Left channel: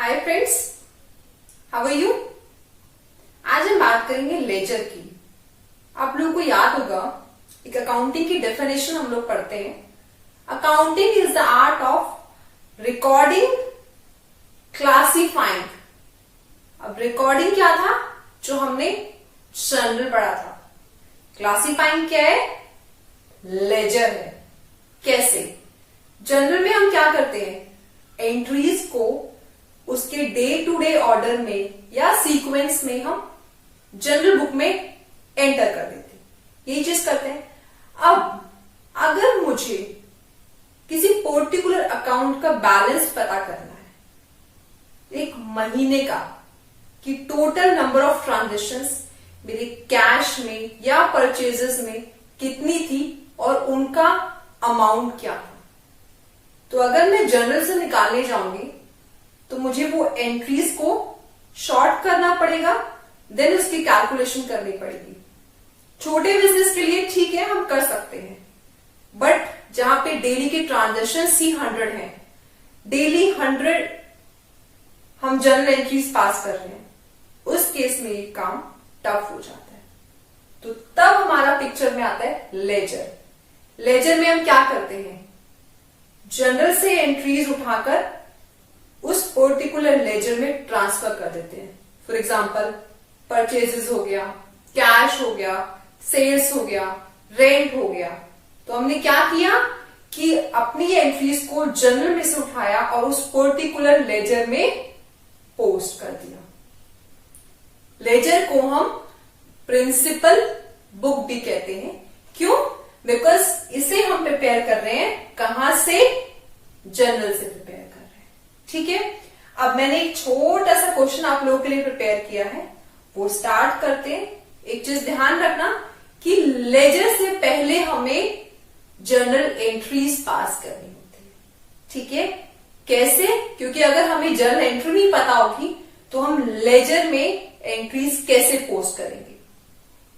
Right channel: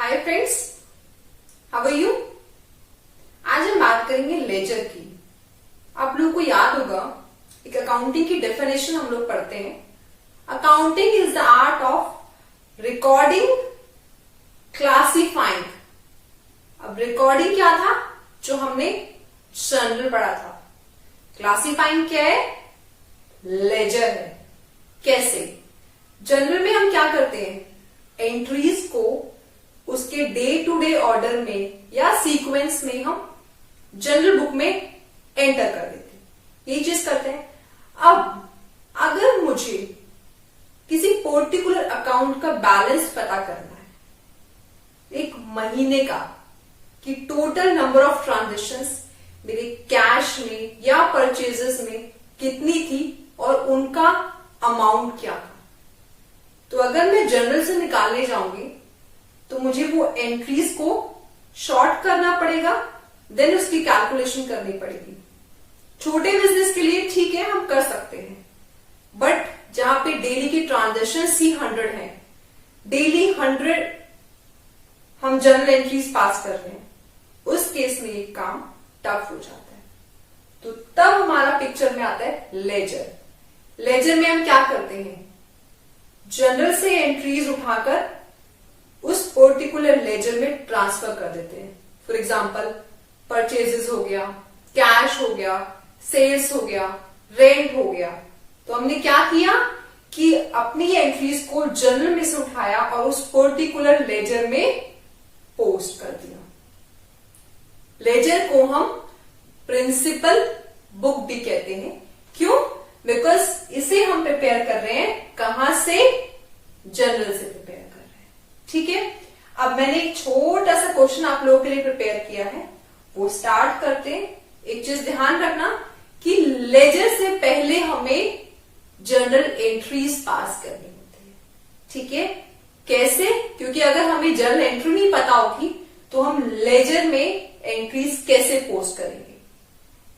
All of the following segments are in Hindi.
Hi friends, how are you. आज हम बात करेंगे लेजर की। आप लोगों को याद होगा एक अकाउंटिंग की डेफिनेशन हम लोग पढ़ते हैं। Accounting is the art of recording, classifying. अब रिकॉर्डिंग क्या था जो हमने जनरल पढ़ा था। क्लासिफाइंग क्या है, लेजर है। कैसे? जनरल में हम क्या करते हैं, एंट्रीज को उसके डे टू डे ऑर्डर में या सीक्वेंस में हम जनरल बुक में एंटर कर देते हैं, यही चीज करते हैं। अब अगर मुझे किसी पर्टिकुलर अकाउंट का बैलेंस पता करना है एक महीने का, कि टोटल नंबर ऑफ ट्रांजेक्शंस मेरे कैश में या परचेजेस में कितनी थी और उनका अमाउंट क्या था, तो अगर मैं जनरल से निकालने जाऊंगी तो मुझे वो एंट्रीज को शॉर्ट करना पड़ेगा, देन उसकी कैलकुलेशन करनी पड़ेगी। छोटे बिजनेस के लिए ठीक है, हम कर सकते हैं, बट जहां पे डेली के ट्रांजेक्शन ही 100 है, डेली 100 हम जनरल एंट्रीज पास कर रहे हैं, उस केस में एक काम टफ हो जाता है। तो तब हमारा पिक्चर में आता है लेजर। लेजर में हम क्या करते हैं, जनरल से एंट्रीज उठाकर उस पर्टिकुलर लेजर में ट्रांसफर कर देते हैं। फॉर एग्जाम्पल परचेजेस हो गया, कैश हो गया, सेल्स हो गया, रेंट हो गया। तो हमने क्या किया कि अपनी एंट्रीज को जनरल में से उठाया और उस पर्टिकुलर लेजर में पोस्ट कर दिया। लेजर को हम प्रिंसिपल बुक भी कहते हैं। क्यों? बिकॉज इसे हम प्रिपेयर कर रहे हैं कहां से, जनरल से प्रिपेयर कर रहे हैं। ठीक है, अब मैंने एक छोटा सा क्वेश्चन आप लोगों के लिए प्रिपेयर किया है, वो स्टार्ट करते हैं। एक चीज ध्यान रखना कि लेजर से पहले हमें जनरल एंट्रीज पास करनी होती है। ठीक है, कैसे? क्योंकि अगर हमें जनरल एंट्री नहीं पता होगी तो हम लेजर में एंट्रीज कैसे पोस्ट करेंगे।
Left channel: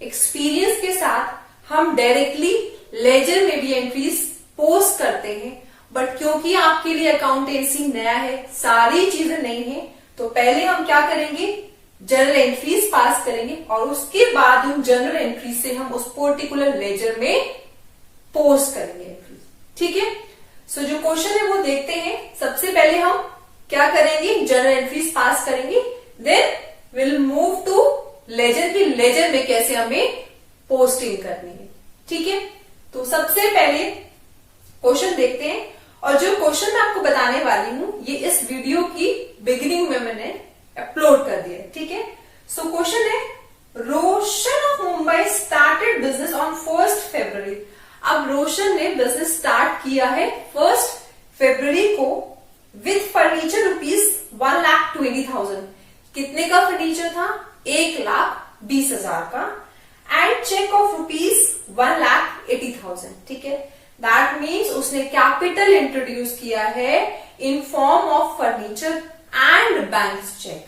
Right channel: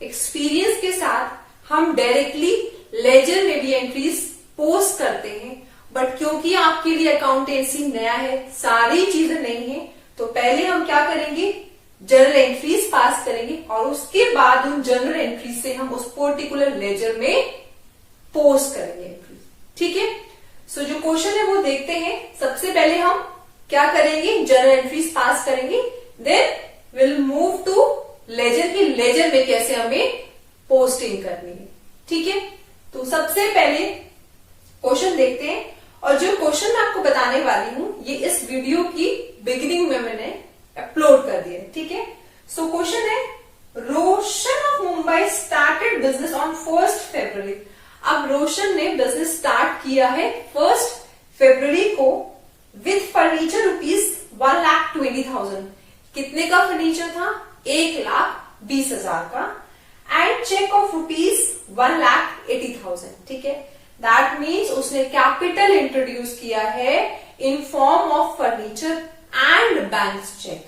एक्सपीरियंस के साथ हम डायरेक्टली लेजर में भी एंट्रीज पोस्ट करते हैं, बट क्योंकि आपके लिए अकाउंटेंसी नया है, सारी चीजें नहीं है, तो पहले हम क्या करेंगे, जनरल एंट्रीज पास करेंगे और उसके बाद उन जनरल एंट्रीज से हम उस पर्टिकुलर लेजर में पोस्ट करेंगे एंट्रीज। ठीक है, सो जो क्वेश्चन है वो देखते हैं। सबसे पहले हम क्या करेंगे, जनरल एंट्रीज पास करेंगे, then will move to ledger की लेजर में कैसे हमें पोस्टिंग करनी है। ठीक है, तो सबसे पहले क्वेश्चन देखते हैं, और जो क्वेश्चन मैं आपको बताने वाली हूं ये इस वीडियो की बिगिनिंग में मैंने अपलोड कर दिया है। ठीक है, सो क्वेश्चन है, Roshan of Mumbai started business on 1 February. अब रोशन ने बिजनेस स्टार्ट किया है 1 फरवरी को विथ फर्नीचर ₹1,20,000। कितने का फर्नीचर था? 1,20,000 का, एंड चेक ऑफ ₹1,80,000। ठीक है, दैट मीन्स उसने कैपिटल इंट्रोड्यूस किया है in form of furniture and bank cheque.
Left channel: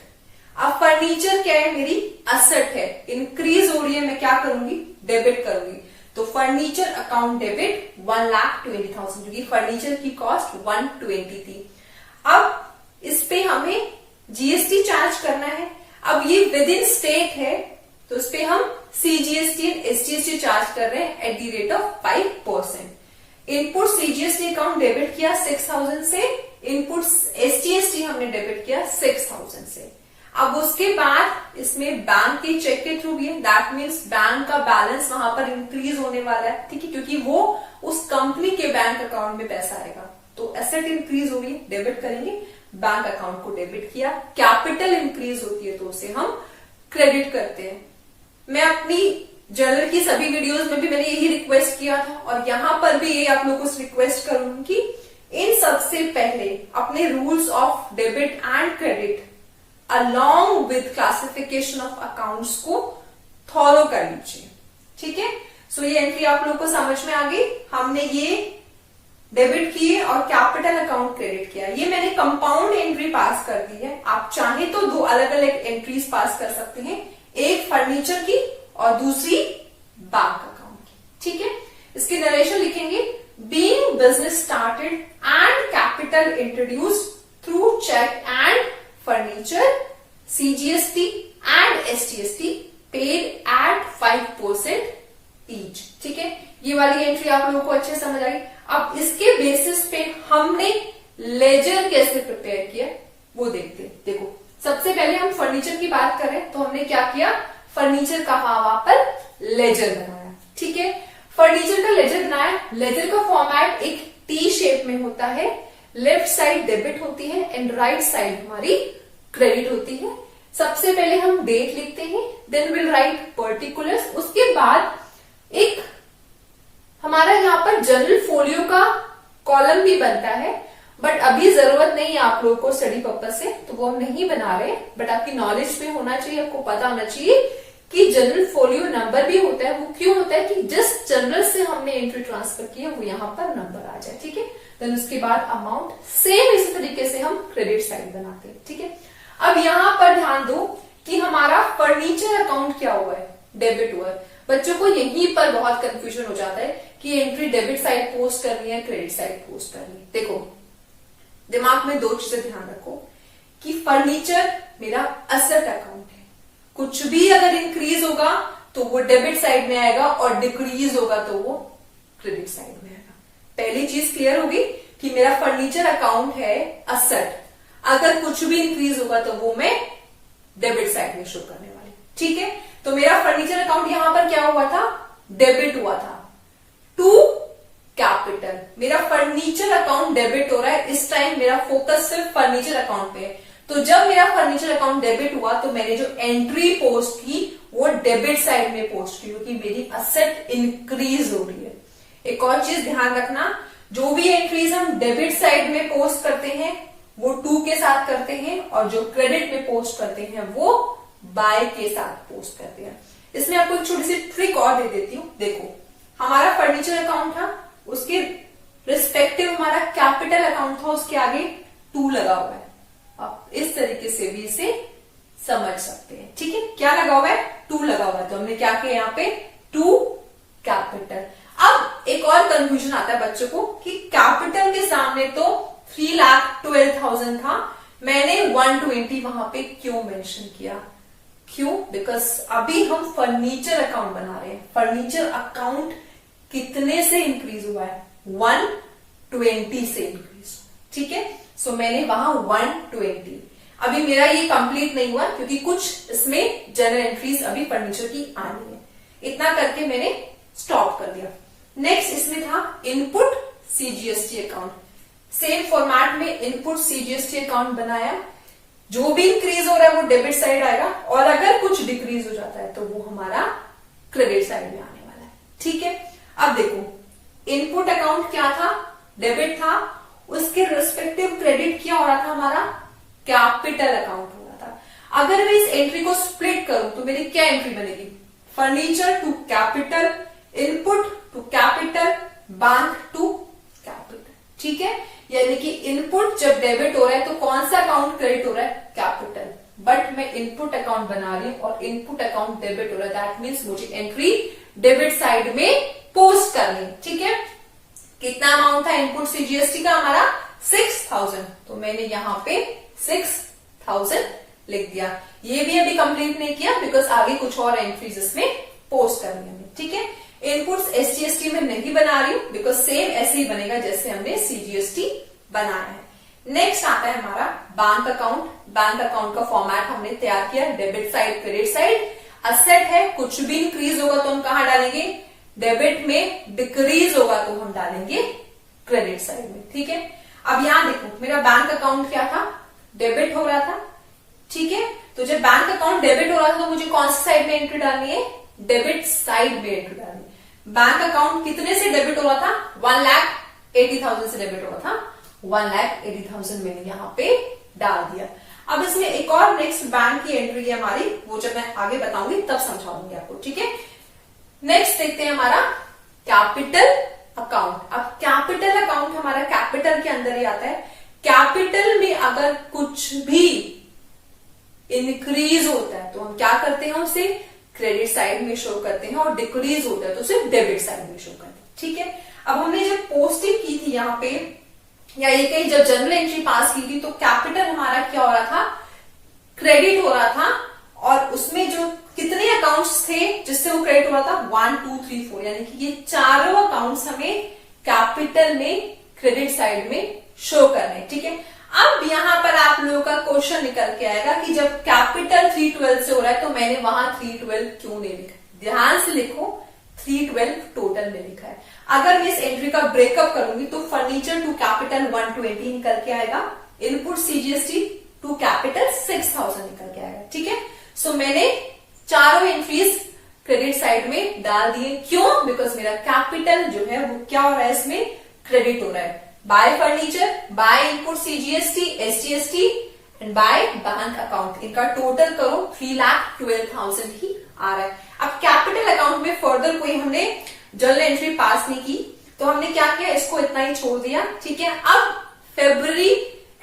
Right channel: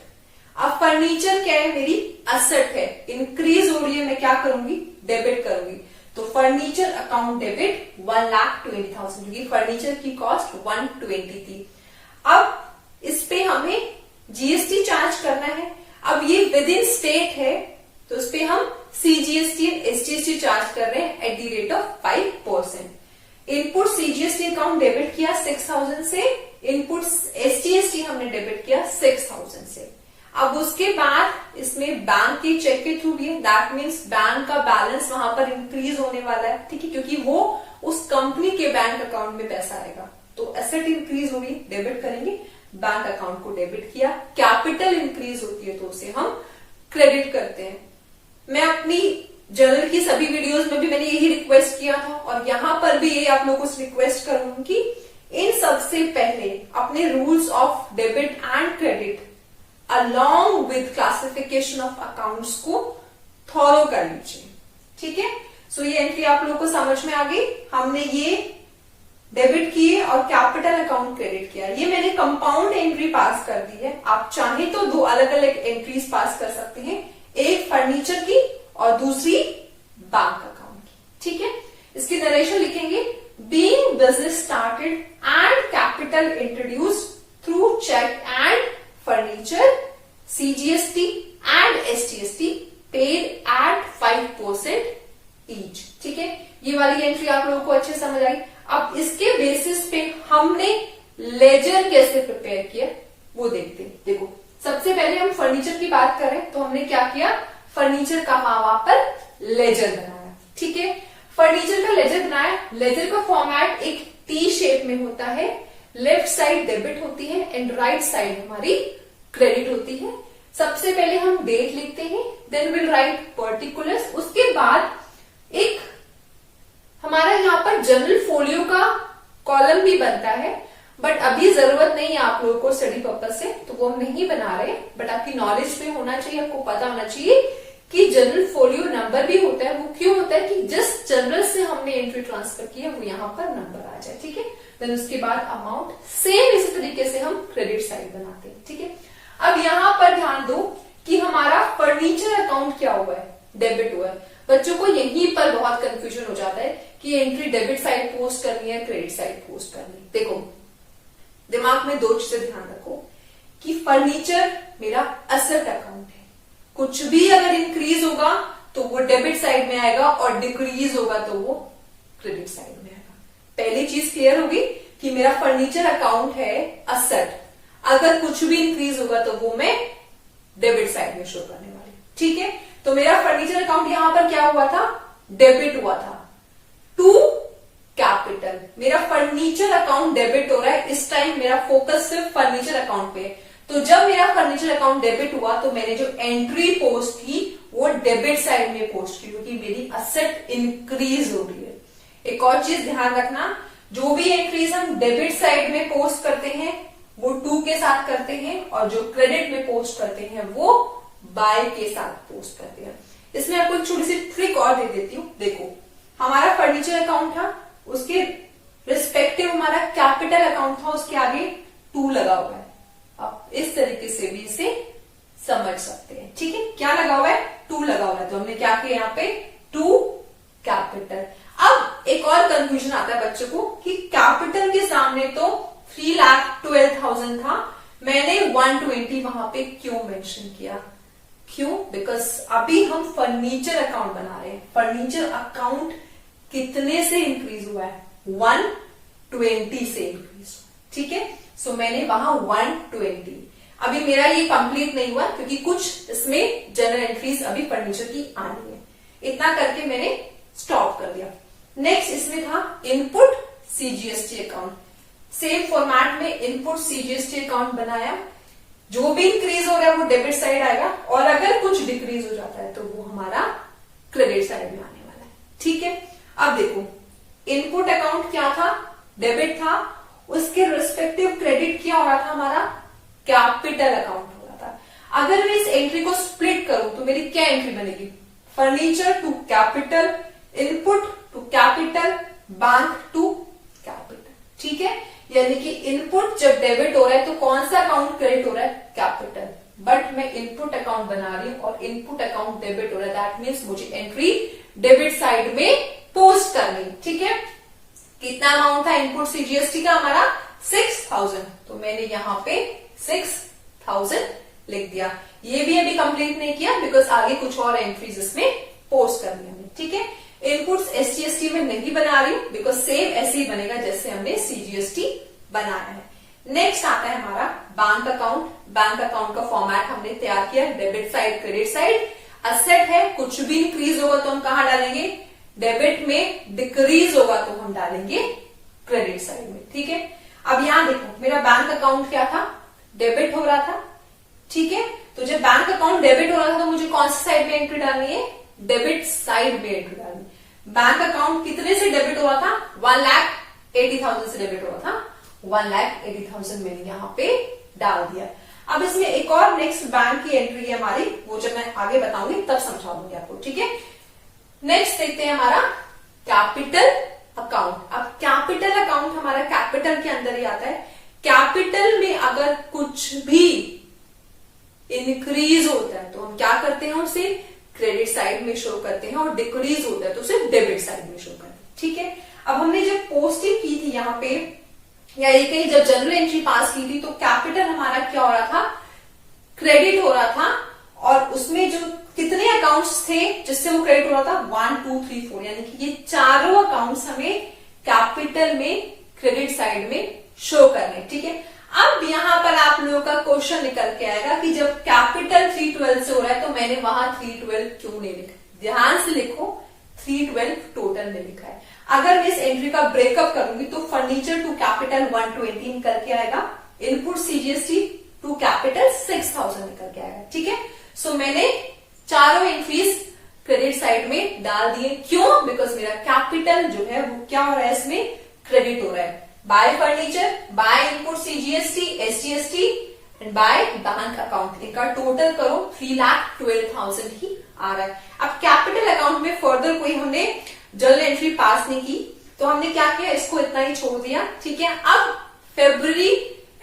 अब फर्नीचर क्या है, मेरी असेट है, इंक्रीज हो रही है, मैं क्या करूंगी, डेबिट करूंगी। तो फर्नीचर अकाउंट डेबिट 1,20,000, क्योंकि फर्नीचर की कॉस्ट 120 थी। अब इस पे हमें जीएसटी चार्ज करना है। अब ये विद इन स्टेट है, तो इस पे हम सीजीएसटी एंड एसजीएसटी चार्ज कर रहे हैं at the rate of 5%। Input CGST account debit किया 6,000 से, इनपुट एसटीएसटी हमने डेबिट किया 6,000 से। अब उसके बाद इसमें बैंक के चेक के थ्रू भी है, दैट मीन्स बैंक का बैलेंस वहां पर इंक्रीज होने वाला है। ठीक है, क्योंकि वो उस कंपनी के बैंक अकाउंट में पैसा आएगा, तो एसेट इंक्रीज होगी, डेबिट करेंगे, बैंक अकाउंट को डेबिट किया। कैपिटल इंक्रीज होती है तो उसे हम क्रेडिट करते हैं। मैं अपनी जनरल की सभी वीडियोस में भी मैंने यही रिक्वेस्ट किया था, और यहां पर भी ये आप लोगों को रिक्वेस्ट करूंगी, इन सबसे पहले अपने rules of debit and credit along with classification of accounts को फॉलो कर लीजिए। ठीक है, सो ये एंट्री आप लोगों को समझ में आ गई। हमने ये डेबिट किए और कैपिटल अकाउंट क्रेडिट किया। ये मैंने कंपाउंड एंट्री पास कर दी है। आप चाहे तो 2 अलग अलग एंट्रीज पास कर सकते हैं, एक फर्नीचर की और दूसरी बैंक अकाउंट की। ठीक है, इसकी नरेशन लिखेंगे, being business started and capital introduced through cheque and furniture CGST and STST paid at 5% each. ठीक है, ये वाली एंट्री आप लोगों को अच्छे से समझ आई। अब इसके बेसिस पे हमने लेजर कैसे प्रिपेयर किया वो देखते हैं। देखो, सबसे पहले हम फर्नीचर की बात करें तो हमने क्या किया, फर्नीचर का वहां पर लेजर बनाया। ठीक है, फर्नीचर का लेजर बनाया। लेजर का फॉर्मेट एक टी शेप में होता है, लेफ्ट साइड डेबिट होती है एंड राइट साइड हमारी क्रेडिट होती है। सबसे पहले हम डेट लिखते हैं, देन विल राइट पर्टिकुलर्स। उसके बाद एक हमारा यहाँ पर जनरल फोलियो का कॉलम भी बनता है, बट अभी जरूरत नहीं है आप लोगों को स्टडी पर्पज से, तो वो हम नहीं बना रहे। बट आपकी नॉलेज में होना चाहिए, आपको पता होना चाहिए कि जनरल फोलियो नंबर भी होता है। वो क्यों होता है कि जिस जनरल से हमने एंट्री ट्रांसफर किया वो यहाँ पर नंबर आ जाए। ठीक है, देन उसके बाद अमाउंट सेम इसी तरीके से हम क्रेडिट साइड बनाते हैं। ठीक है, अब यहां पर ध्यान दो कि हमारा फर्नीचर अकाउंट क्या हुआ है, डेबिट हुआ है। बच्चों को यहीं पर बहुत कंफ्यूजन हो जाता है कि एंट्री डेबिट साइड पोस्ट करनी है, क्रेडिट साइड पोस्ट करनी है। देखो, दिमाग में दो चीजें ध्यान रखो कि फर्नीचर मेरा असेट अकाउंट है, कुछ भी अगर इंक्रीज होगा तो वो डेबिट साइड में आएगा और डिक्रीज होगा तो वो क्रेडिट साइड में आएगा। पहली चीज क्लियर होगी कि मेरा फर्नीचर अकाउंट है असेट, अगर कुछ भी इंक्रीज होगा तो वो मैं डेबिट साइड में शो करने वाली। ठीक है, तो मेरा फर्नीचर अकाउंट यहां पर क्या हुआ था, डेबिट हुआ था टू कैपिटल। मेरा फर्नीचर अकाउंट डेबिट हो रहा है, इस टाइम मेरा फोकस सिर्फ फर्नीचर अकाउंट पे है। तो जब मेरा फर्नीचर अकाउंट डेबिट हुआ तो मैंने जो एंट्री पोस्ट की वो डेबिट साइड में पोस्ट की, क्योंकि मेरी असेट इंक्रीज हो रही है। एक और चीज ध्यान रखना, जो भी एंट्रीज हम डेबिट साइड में पोस्ट करते हैं वो टू के साथ करते हैं, और जो क्रेडिट में पोस्ट करते हैं वो बाय के साथ पोस्ट करते हैं। इसमें आपको एक छोटी सी ट्रिक और दे देती हूं। देखो, हमारा फर्नीचर अकाउंट था, उसके रिस्पेक्टिव हमारा कैपिटल अकाउंट था, उसके आगे टू लगा हुआ है। आप इस तरीके से भी इसे समझ सकते हैं। ठीक है, क्या लगा हुआ है, टू लगा हुआ है, तो हमने क्या किया यहाँ पे, टू कैपिटल। अब एक और कंफ्यूजन आता है बच्चों को कि कैपिटल के सामने तो 3,12,000 था, मैंने 120 वहां पे क्यों मेंशन किया, क्यों, बिकॉज अभी हम फर्नीचर अकाउंट बना रहे हैं। फर्नीचर अकाउंट कितने से इंक्रीज हुआ है, 120 से इंक्रीज। ठीक है, सो मैंने वहां 120। अभी मेरा ये कंप्लीट नहीं हुआ क्योंकि कुछ इसमें जनरल एंट्रीज अभी फर्नीचर की आनी है। इतना करके मैंने स्टॉप कर दिया। नेक्स्ट इसमें था input CGST account. Same format में इनपुट CGST अकाउंट बनाया, जो भी इंक्रीज हो रहा है वो डेबिट साइड आएगा, और अगर कुछ डिक्रीज हो जाता है तो वो हमारा क्रेडिट साइड में आने वाला है। ठीक है, अब देखो, इनपुट अकाउंट क्या था, डेबिट था, उसके रिस्पेक्टिव क्रेडिट क्या हो रहा था, हमारा कैपिटल अकाउंट हो रहा था। अगर मैं इस एंट्री को स्प्लिट करूं तो मेरी क्या एंट्री बनेगी, furniture to capital, input to capital, bank to capital. ठीक है, यानी कि इनपुट जब डेबिट हो रहा है तो कौन सा अकाउंट क्रेडिट हो रहा है, कैपिटल। बट मैं इनपुट अकाउंट बना रही हूं और इनपुट अकाउंट डेबिट हो रहा है, दैट मीन्स मुझे एंट्री डेबिट साइड में पोस्ट करनी। ठीक है, कितना अमाउंट था इनपुट CGST का हमारा, 6,000, तो मैंने यहाँ पे 6,000 लिख दिया। ये भी अभी कंप्लीट नहीं किया बिकॉज आगे कुछ और एंट्रीज इसमें पोस्ट करनी है। ठीक है, इनपुट्स SGST में नहीं बना रही हूं बिकॉज सेम ऐसे ही बनेगा जैसे हमने CGST बनाया है। नेक्स्ट आता है हमारा बैंक अकाउंट। बैंक अकाउंट का फॉर्मेट हमने तैयार किया, debit side credit side. Asset है, कुछ भी इंक्रीज होगा तो हम कहां डालेंगे, डेबिट में, डिक्रीज होगा तो हम डालेंगे क्रेडिट साइड में। ठीक है, अब यहां देखो, मेरा बैंक अकाउंट क्या था, डेबिट हो रहा था। ठीक है, तो जब बैंक अकाउंट डेबिट हो रहा था तो मुझे कौन सी साइड में एंट्री डालनी है, डेबिट साइड में एंट्री डालनी है। बैंक अकाउंट कितने से डेबिट हो रहा था, 1,80,000 से डेबिट हो रहा था, 1,80,000 मैंने यहाँ पे डाल दिया। अब इसमें एक और नेक्स्ट बैंक की एंट्री है हमारी, वो जब मैं आगे बताऊंगी तब समझा दूंगी आपको। ठीक है, नेक्स्ट देखते हैं हमारा कैपिटल अकाउंट। अब कैपिटल अकाउंट हमारा कैपिटल के अंदर ही आता है। कैपिटल में अगर कुछ भी इंक्रीज होता है तो हम क्या करते हैं, उसे क्रेडिट साइड में शो करते हैं, और डिक्रीज होता है तो उसे डेबिट साइड में शो करते हैं। ठीक है, अब हमने जब पोस्टिंग की थी यहाँ पे, या ये कहीं जब जनरल एंट्री पास की थी तो कैपिटल हमारा क्या हो रहा था, क्रेडिट हो रहा था, और उसमें जो कितने अकाउंट्स थे जिससे वो क्रेडिट हो रहा था, 1 2 3 4, यानी कि ये चारों अकाउंट्स हमें कैपिटल में क्रेडिट साइड में शो करने। ठीक है, अब यहां पर आप लोगों का क्वेश्चन निकल के आएगा कि जब कैपिटल 312 से हो रहा है तो मैंने वहां 312 क्यों नहीं लिखा। ध्यान से लिखो, 312 टोटल में लिखा है। अगर मैं इस एंट्री का ब्रेकअप करूंगी तो फर्नीचर टू कैपिटल 120 निकल के आएगा, इनपुट सीजीएसटी टू कैपिटल 6000 निकल के आएगा। ठीक है, सो मैंने चारों एंट्रीज क्रेडिट साइड में डाल दिए। क्यों? बिकॉज मेरा कैपिटल जो है वो क्या हो रहा है, इसमें क्रेडिट हो रहा है। Bye furniture, by input CGST, SGST and by bank account, इनका टोटल करो 3,12,000 ही आ रहा है। अब कैपिटल अकाउंट में फर्दर कोई हमने जर्नल एंट्री पास नहीं की, तो हमने क्या किया, इसको इतना ही छोड़ दिया। ठीक है, अब फरवरी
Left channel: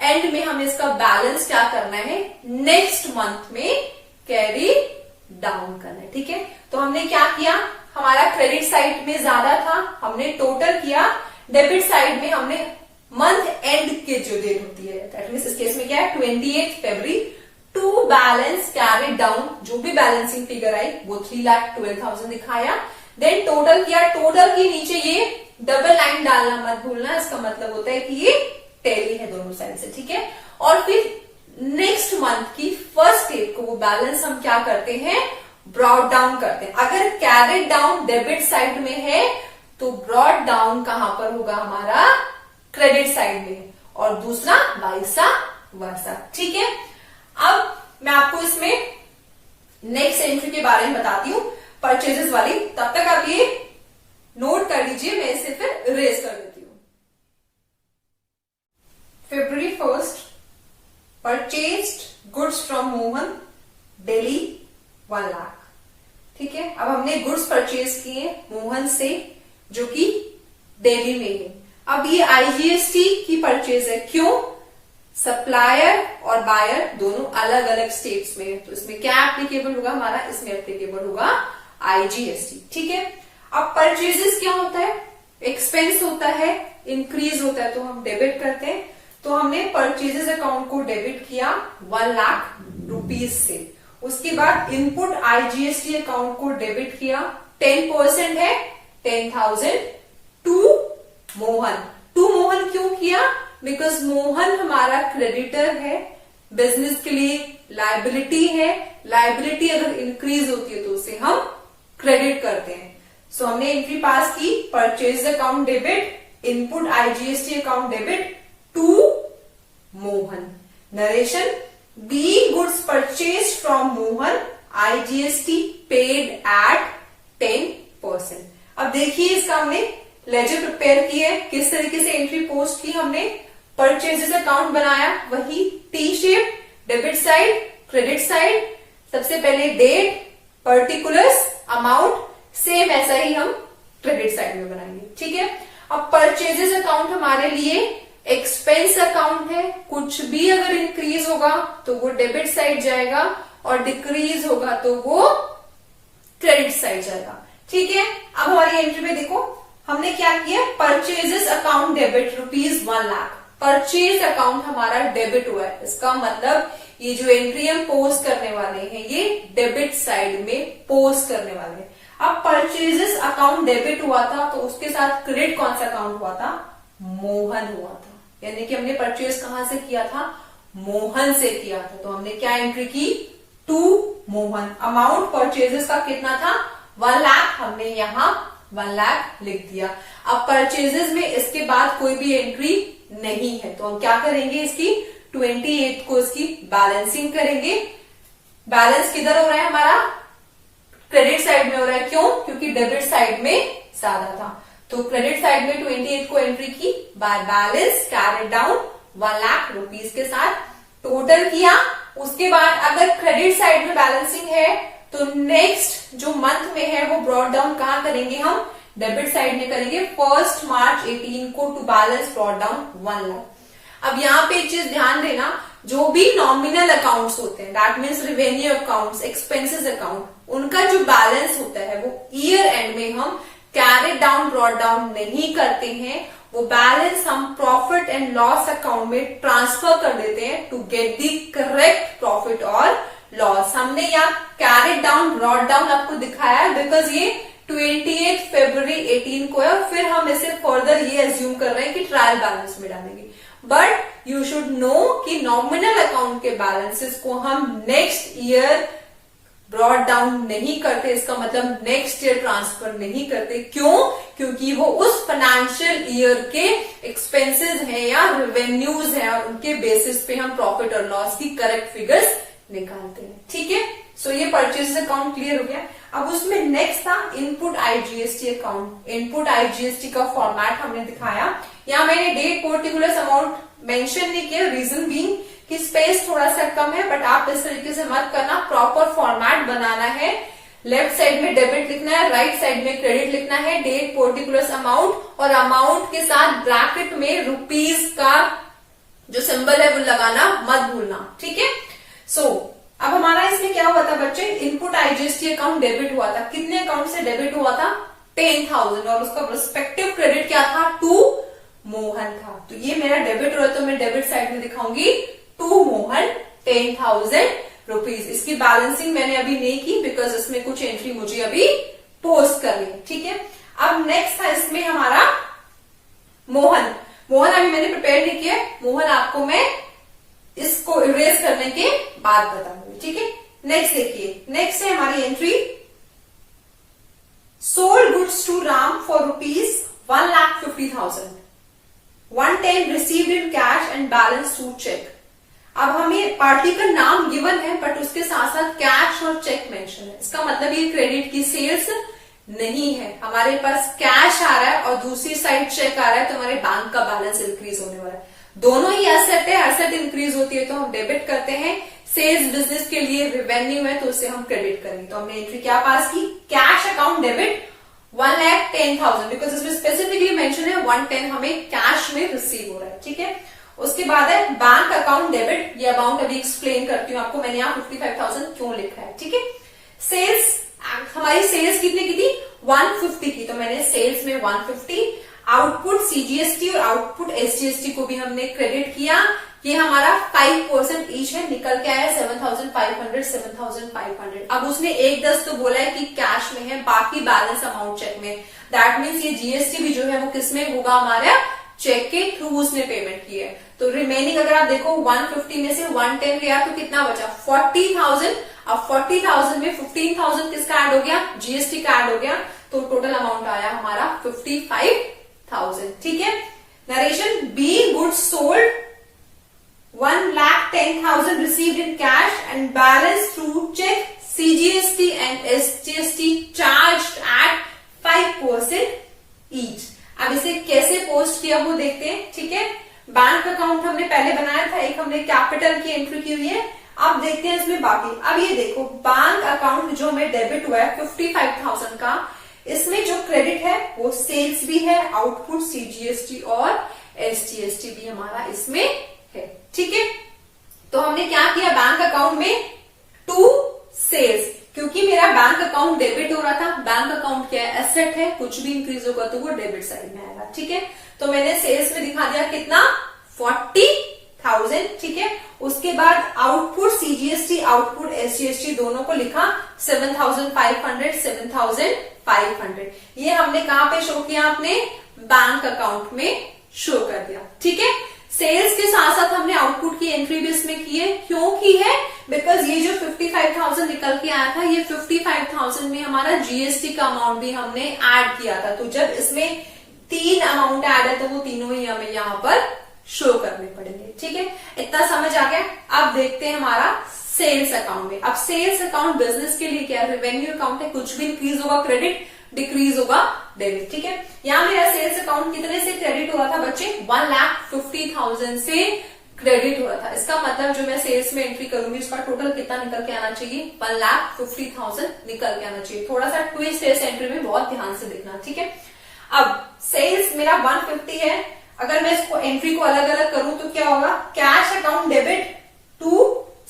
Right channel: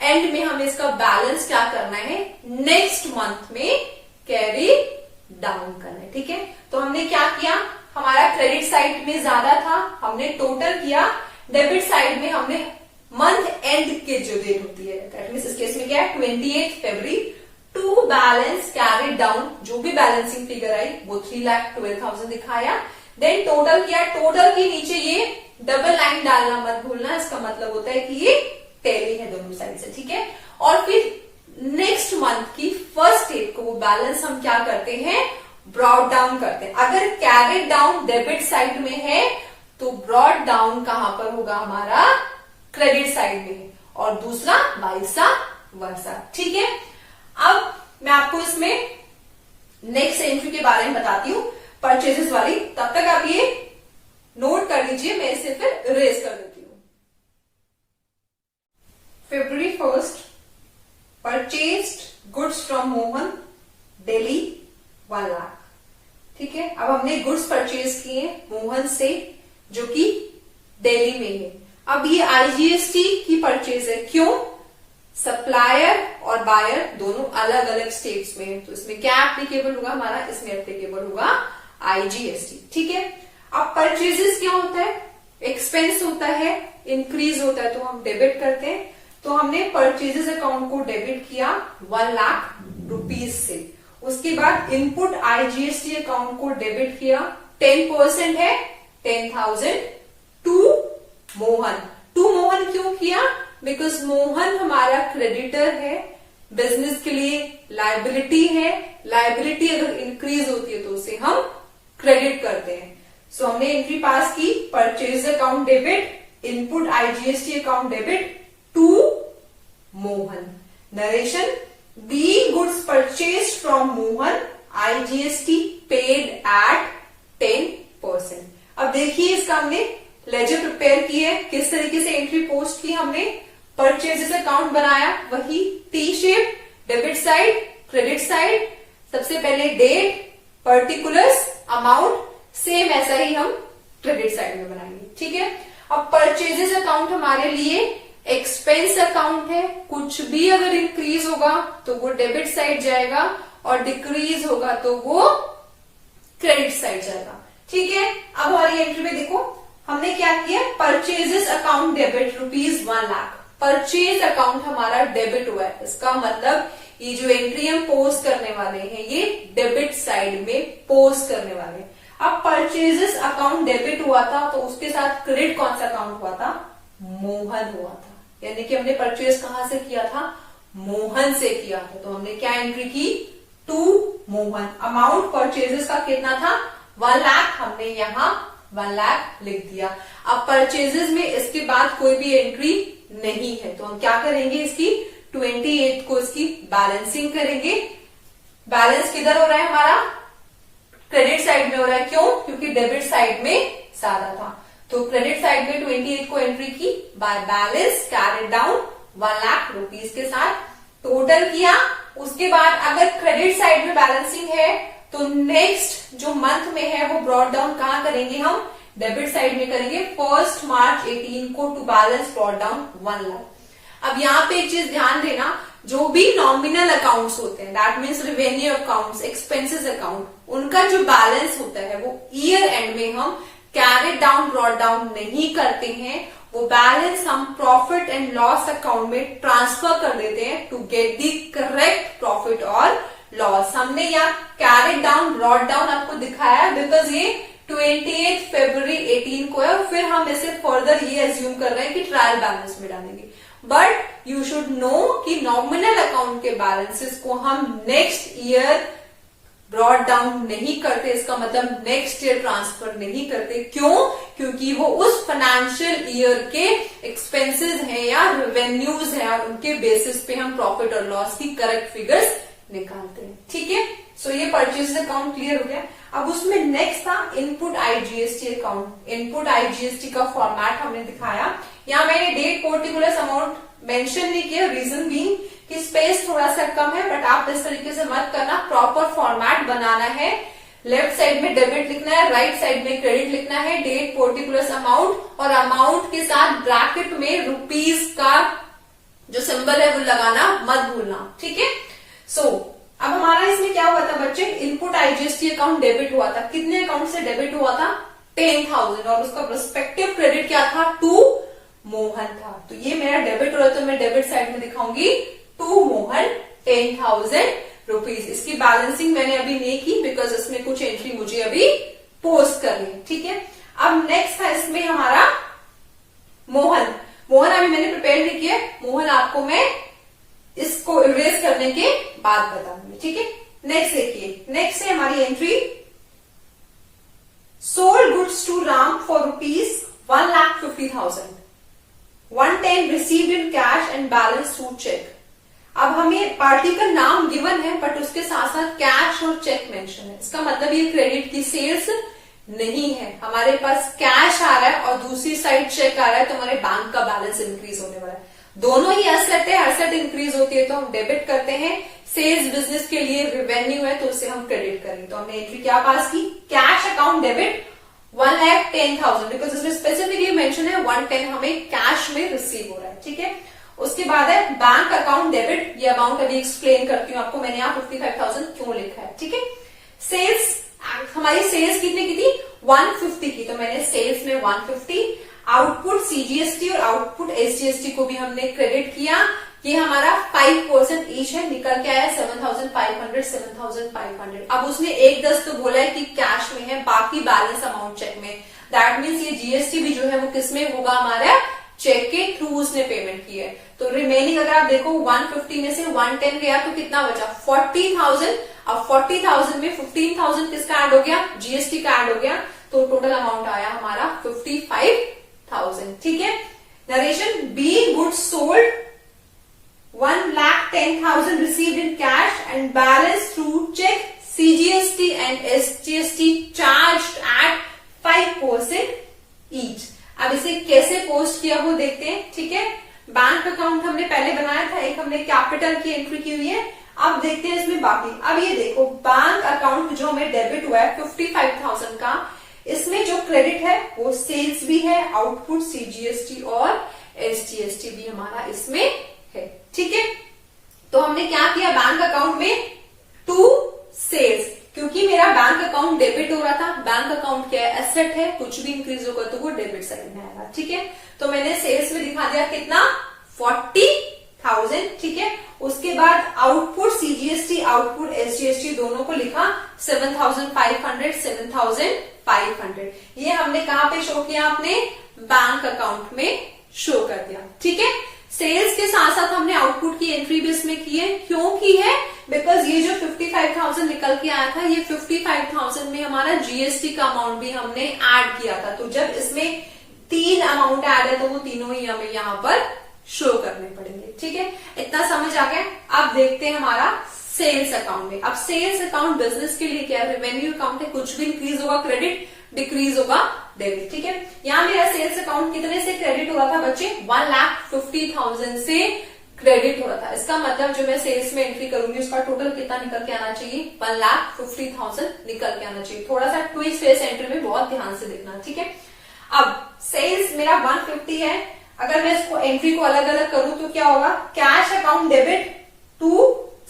एंड में हमें इसका बैलेंस क्या करना है, नेक्स्ट मंथ में कैरी डाउन करना है। ठीक है, तो हमने क्या किया, हमारा क्रेडिट साइड में ज्यादा था, हमने टोटल किया। डेबिट साइड में हमने मंथ एंड के जो डेट होती है, दैट मींस इस केस में क्या है, 28 फरवरी टू बैलेंस कैरी डाउन, जो भी बैलेंसिंग फिगर आई वो 3,12,000 दिखाया। देन टोटल किया, टोटल के नीचे ये डबल लाइन डालना मत भूलना, इसका मतलब होता है कि ये टैली है दोनों साइड से। ठीक है, और फिर नेक्स्ट मंथ की फर्स्ट डेट को वो बैलेंस हम क्या करते हैं, ब्रॉड डाउन करते हैं। अगर कैरेट डाउन डेबिट साइड में है तो ब्रॉड डाउन कहां पर होगा, हमारा क्रेडिट साइड में है, और दूसरा वाइसा वर्सा। ठीक है, अब मैं आपको इसमें नेक्स्ट एंट्री के बारे में बताती हूं, परचेजेस वाली। तब तक आप ये नोट कर लीजिए, मैं इसे फिर इरेज कर देती हूं। February 1st, purchased goods from Mohan, daily 1 lakh. ठीक है, अब हमने गुड्स परचेज किए मोहन से, जो कि दिल्ली में है। अब ये आईजीएसटी की परचेज है, क्यों, सप्लायर और बायर दोनों अलग अलग स्टेट्स में है, तो इसमें क्या एप्लीकेबल होगा हमारा, इसमें एप्लीकेबल होगा आईजीएसटी। ठीक है, अब परचेजेस क्या होता है, एक्सपेंस होता है, इंक्रीज होता है तो हम डेबिट करते हैं। तो हमने परचेजेस अकाउंट को डेबिट किया 1 लाख रुपीज से। उसके बाद इनपुट आईजीएसटी अकाउंट को डेबिट किया, 10% है 10,000 टू मोहन। टू मोहन क्यों किया, बिकॉज मोहन हमारा क्रेडिटर है, बिजनेस के लिए लायबिलिटी है, लायबिलिटी अगर इंक्रीज होती है तो उसे हम क्रेडिट करते हैं। सो हमने एंट्री पास की, purchase account debit, input IGST account debit to Mohan. Narration, be goods purchase from Mohan, IGST paid at 10%। अब देखिए इसका हमने लेजर प्रिपेयर की है, किस तरीके से एंट्री पोस्ट की हमने, परचेजेस अकाउंट बनाया, वही T shape, debit side, credit side, सबसे पहले डेट, पर्टिकुलर्स, अमाउंट, सेम ऐसा ही हम क्रेडिट साइड में बनाएंगे। ठीक है, अब परचेजेस अकाउंट हमारे लिए एक्सपेंस अकाउंट है, कुछ भी अगर इंक्रीज होगा तो वो डेबिट साइड जाएगा और डिक्रीज होगा तो वो क्रेडिट साइड जाएगा। ठीक है, अब हमारी एंट्री में देखो हमने क्या किया, purchases account debit rupees 1 lakh, purchase account हमारा डेबिट हुआ है। इसका मतलब ये जो एंट्री हम पोस्ट करने वाले हैं ये डेबिट साइड में पोस्ट करने वाले हैं। अब परचेजेस अकाउंट डेबिट हुआ था तो उसके साथ क्रेडिट कौन सा अकाउंट हुआ था, मोहन हुआ था, यानी कि हमने परचेज कहां से किया था, मोहन से किया था। तो हमने क्या एंट्री की, टू मोहन। अमाउंट परचेजेस का कितना था, 1 लाख, हमने यहां 1 लाख लिख दिया। अब परचेजेस में इसके बाद कोई भी एंट्री नहीं है तो हम क्या करेंगे, इसकी 28 को इसकी बैलेंसिंग करेंगे। बैलेंस किधर हो रहा है हमारा, क्रेडिट साइड में हो रहा है, क्यों, क्योंकि डेबिट साइड में ज्यादा था। तो क्रेडिट साइड में 28 को एंट्री की, bye balance carried down 1 lakh rupees के साथ टोटल किया। उसके बाद अगर क्रेडिट साइड में बैलेंसिंग है तो नेक्स्ट जो मंथ में है वो ब्रॉड डाउन कहां करेंगे, हम डेबिट साइड में करेंगे, 1 मार्च 18 को to balance brought down 1 lakh. अब यहाँ पे एक चीज ध्यान देना, जो भी नॉमिनल अकाउंट्स होते हैं, that means revenue accounts, expenses account, उनका जो बैलेंस होता है वो ईयर एंड में हम कैरी डाउन ब्रॉट डाउन नहीं करते हैं, वो बैलेंस हम प्रॉफिट एंड लॉस अकाउंट में ट्रांसफर कर देते हैं to get the correct profit और लॉस। हमने यहाँ कैरी डाउन ब्रॉट डाउन आपको दिखाया है बिकॉज ये 28 फरवरी 18 को है और फिर हम इसे फर्दर ये एज्यूम कर रहे हैं कि ट्रायल बैलेंस में डालेंगे। बट यू शुड नो कि नॉमिनल अकाउंट के बैलेंसेस को हम नेक्स्ट ईयर ब्रॉट डाउन नहीं करते, इसका मतलब नेक्स्ट ईयर ट्रांसफर नहीं करते। क्यों? क्योंकि वो उस फाइनेंशियल ईयर के एक्सपेंसेस हैं या रेवेन्यूज हैं और उनके बेसिस पे हम प्रॉफिट और लॉस की करेक्ट फिगर्स निकालते हैं। ठीक है, सो ये परचेज अकाउंट क्लियर हो गया। अब उसमें नेक्स्ट था input IGST account. Input IGST का फॉर्मेट हमने दिखाया। यहाँ मैंने डेट पर्टिकुलर अमाउंट मेंशन नहीं किया, रीजन बीइंग कि स्पेस थोड़ा सा कम है, बट आप इस तरीके से मत करना। प्रॉपर फॉर्मेट बनाना है, लेफ्ट साइड में डेबिट लिखना है, राइट साइड में क्रेडिट लिखना है, डेट पर्टिकुलर अमाउंट और अमाउंट के साथ ब्रैकेट में रुपीज का जो सिंबल है वो लगाना मत भूलना। ठीक है, सो अब हमारा इसमें क्या हुआ था बच्चे, इनपुट आईजीएसटी अकाउंट डेबिट हुआ था। कितने अकाउंट से डेबिट हुआ था? 10,000 और उसका प्रोस्पेक्टिव क्रेडिट क्या था? टू मोहन था। तो ये मेरा डेबिट हुआ तो मैं डेबिट साइड में दिखाऊंगी टू मोहन 10,000 रुपीज। इसकी बैलेंसिंग मैंने अभी नहीं की बिकॉज इसमें कुछ एंट्री मुझे अभी पोस्ट करनी है। ठीक है, अब नेक्स्ट था इसमें हमारा मोहन। मोहन अभी मैंने प्रिपेयर नहीं किया, मोहन आपको मैं इसको इरेज करने के बाद बताऊंगी। ठीक है, नेक्स्ट देखिए, नेक्स्ट है हमारी entry sold goods to Ram for ₹1,50,000, 110 received in cash and balance through cheque. अब हमें पार्टी का नाम गिवन है बट उसके साथ साथ कैश और चेक मेंशन है। इसका मतलब ये क्रेडिट की सेल्स नहीं है, हमारे पास कैश आ रहा है और दूसरी साइड चेक आ रहा है, तो हमारे बैंक का बैलेंस इंक्रीज होने वाला है। दोनों ही एसेट है, एसेट इंक्रीज होती है तो हम डेबिट करते हैं, सेल्स बिजनेस के लिए रेवेन्यू है तो उसे हम क्रेडिट करेंगे। तो हमने एंट्री क्या पास की? कैश अकाउंट डेबिट 1,10,000 बिकॉज इसमें स्पेसिफिकली मेंशन है 110 हमें कैश में रिसीव हो रहा है। ठीक है, उसके बाद है बैंक अकाउंट डेबिट। ये अमाउंट अभी एक्सप्लेन करती हूँ आपको, मैंने यहाँ 55,000 क्यों लिखा है। ठीक है, सेल्स हमारी सेल्स कितने की थी? 150 की, तो मैंने सेल्स में 150। आउटपुट सीजीएसटी और आउटपुट एसजीएसटी को भी हमने क्रेडिट किया। ये हमारा 5% ईच है, निकल के आया 7,500 7,500। अब उसने 1/10 तो बोला है कि कैश में है, बाकी बैलेंस अमाउंट चेक में। दैट मीन्स ये जीएसटी भी जो है वो किसमें होगा? हमारा चेक के थ्रू उसने पेमेंट की है। तो रिमेनिंग अगर आप देखो 150 में से 110 गया तो कितना बचा? 40,000। अब 40,000 में 15,000 किसका ऐड हो गया? जीएसटी का ऐड हो गया, तो टोटल अमाउंट आया हमारा 55,000। ठीक है, narration be goods sold 1,10,000 received in cash and balance through check, CGST and SGST charged at 5% each। अब इसे कैसे पोस्ट किया वो देखते हैं। ठीक है, बैंक अकाउंट हमने पहले बनाया था, एक हमने कैपिटल की एंट्री की हुई है। अब देखते हैं इसमें बाकी। अब ये देखो, बैंक अकाउंट जो हमें डेबिट हुआ है 55,000 का, इसमें जो क्रेडिट है वो सेल्स भी है, आउटपुट सीजीएसटी और एसजीएसटी भी हमारा इसमें है। ठीक है, तो हमने क्या किया बैंक अकाउंट में? टू सेल्स, क्योंकि मेरा बैंक अकाउंट डेबिट हो रहा था। बैंक अकाउंट क्या है? एसेट है, कुछ भी इंक्रीज होगा तो वो डेबिट साइड में आएगा। ठीक है, तो मैंने सेल्स में दिखा दिया कितना? 40,000। ठीक है, उसके बाद आउटपुट सीजीएसटी आउटपुट एसजीएसटी दोनों को लिखा 7,500 7,500। ये हमने कहां पे शो किया? आपने बैंक अकाउंट में शो कर दिया। ठीक है, सेल्स के साथ साथ हमने आउटपुट की एंट्री भी इसमें की है। क्यों की है? बिकॉज ये जो 55,000 निकल के आया था, ये 55,000 में हमारा जीएसटी का अमाउंट भी हमने ऐड किया था। तो जब इसमें 3 अमाउंट ऐड है तो वो तीनों ही हमें यहाँ पर शो करने पड़ेंगे। ठीक है, इतना समझ आ गया। अब देखते हैं हमारा सेल्स अकाउंट में। अब सेल्स अकाउंट बिजनेस के लिए क्या? रेवेन्यू अकाउंट है, कुछ भी इंक्रीज होगा क्रेडिट, डिक्रीज होगा डेबिट। ठीक है, यहाँ मेरा सेल्स अकाउंट कितने से क्रेडिट हुआ था बच्चे? 1,50,000 से क्रेडिट हुआ था। इसका मतलब जो मैं सेल्स में एंट्री करूंगी उसका टोटल कितना निकल के आना चाहिए? 1,50,000 निकल के आना चाहिए। थोड़ा सा ट्विस्ट है इस एंट्री में, बहुत ध्यान से देखना। ठीक है, अब सेल्स मेरा 150 है, अगर मैं इसको एंट्री को अलग अलग करूं तो क्या होगा? Cash account debit to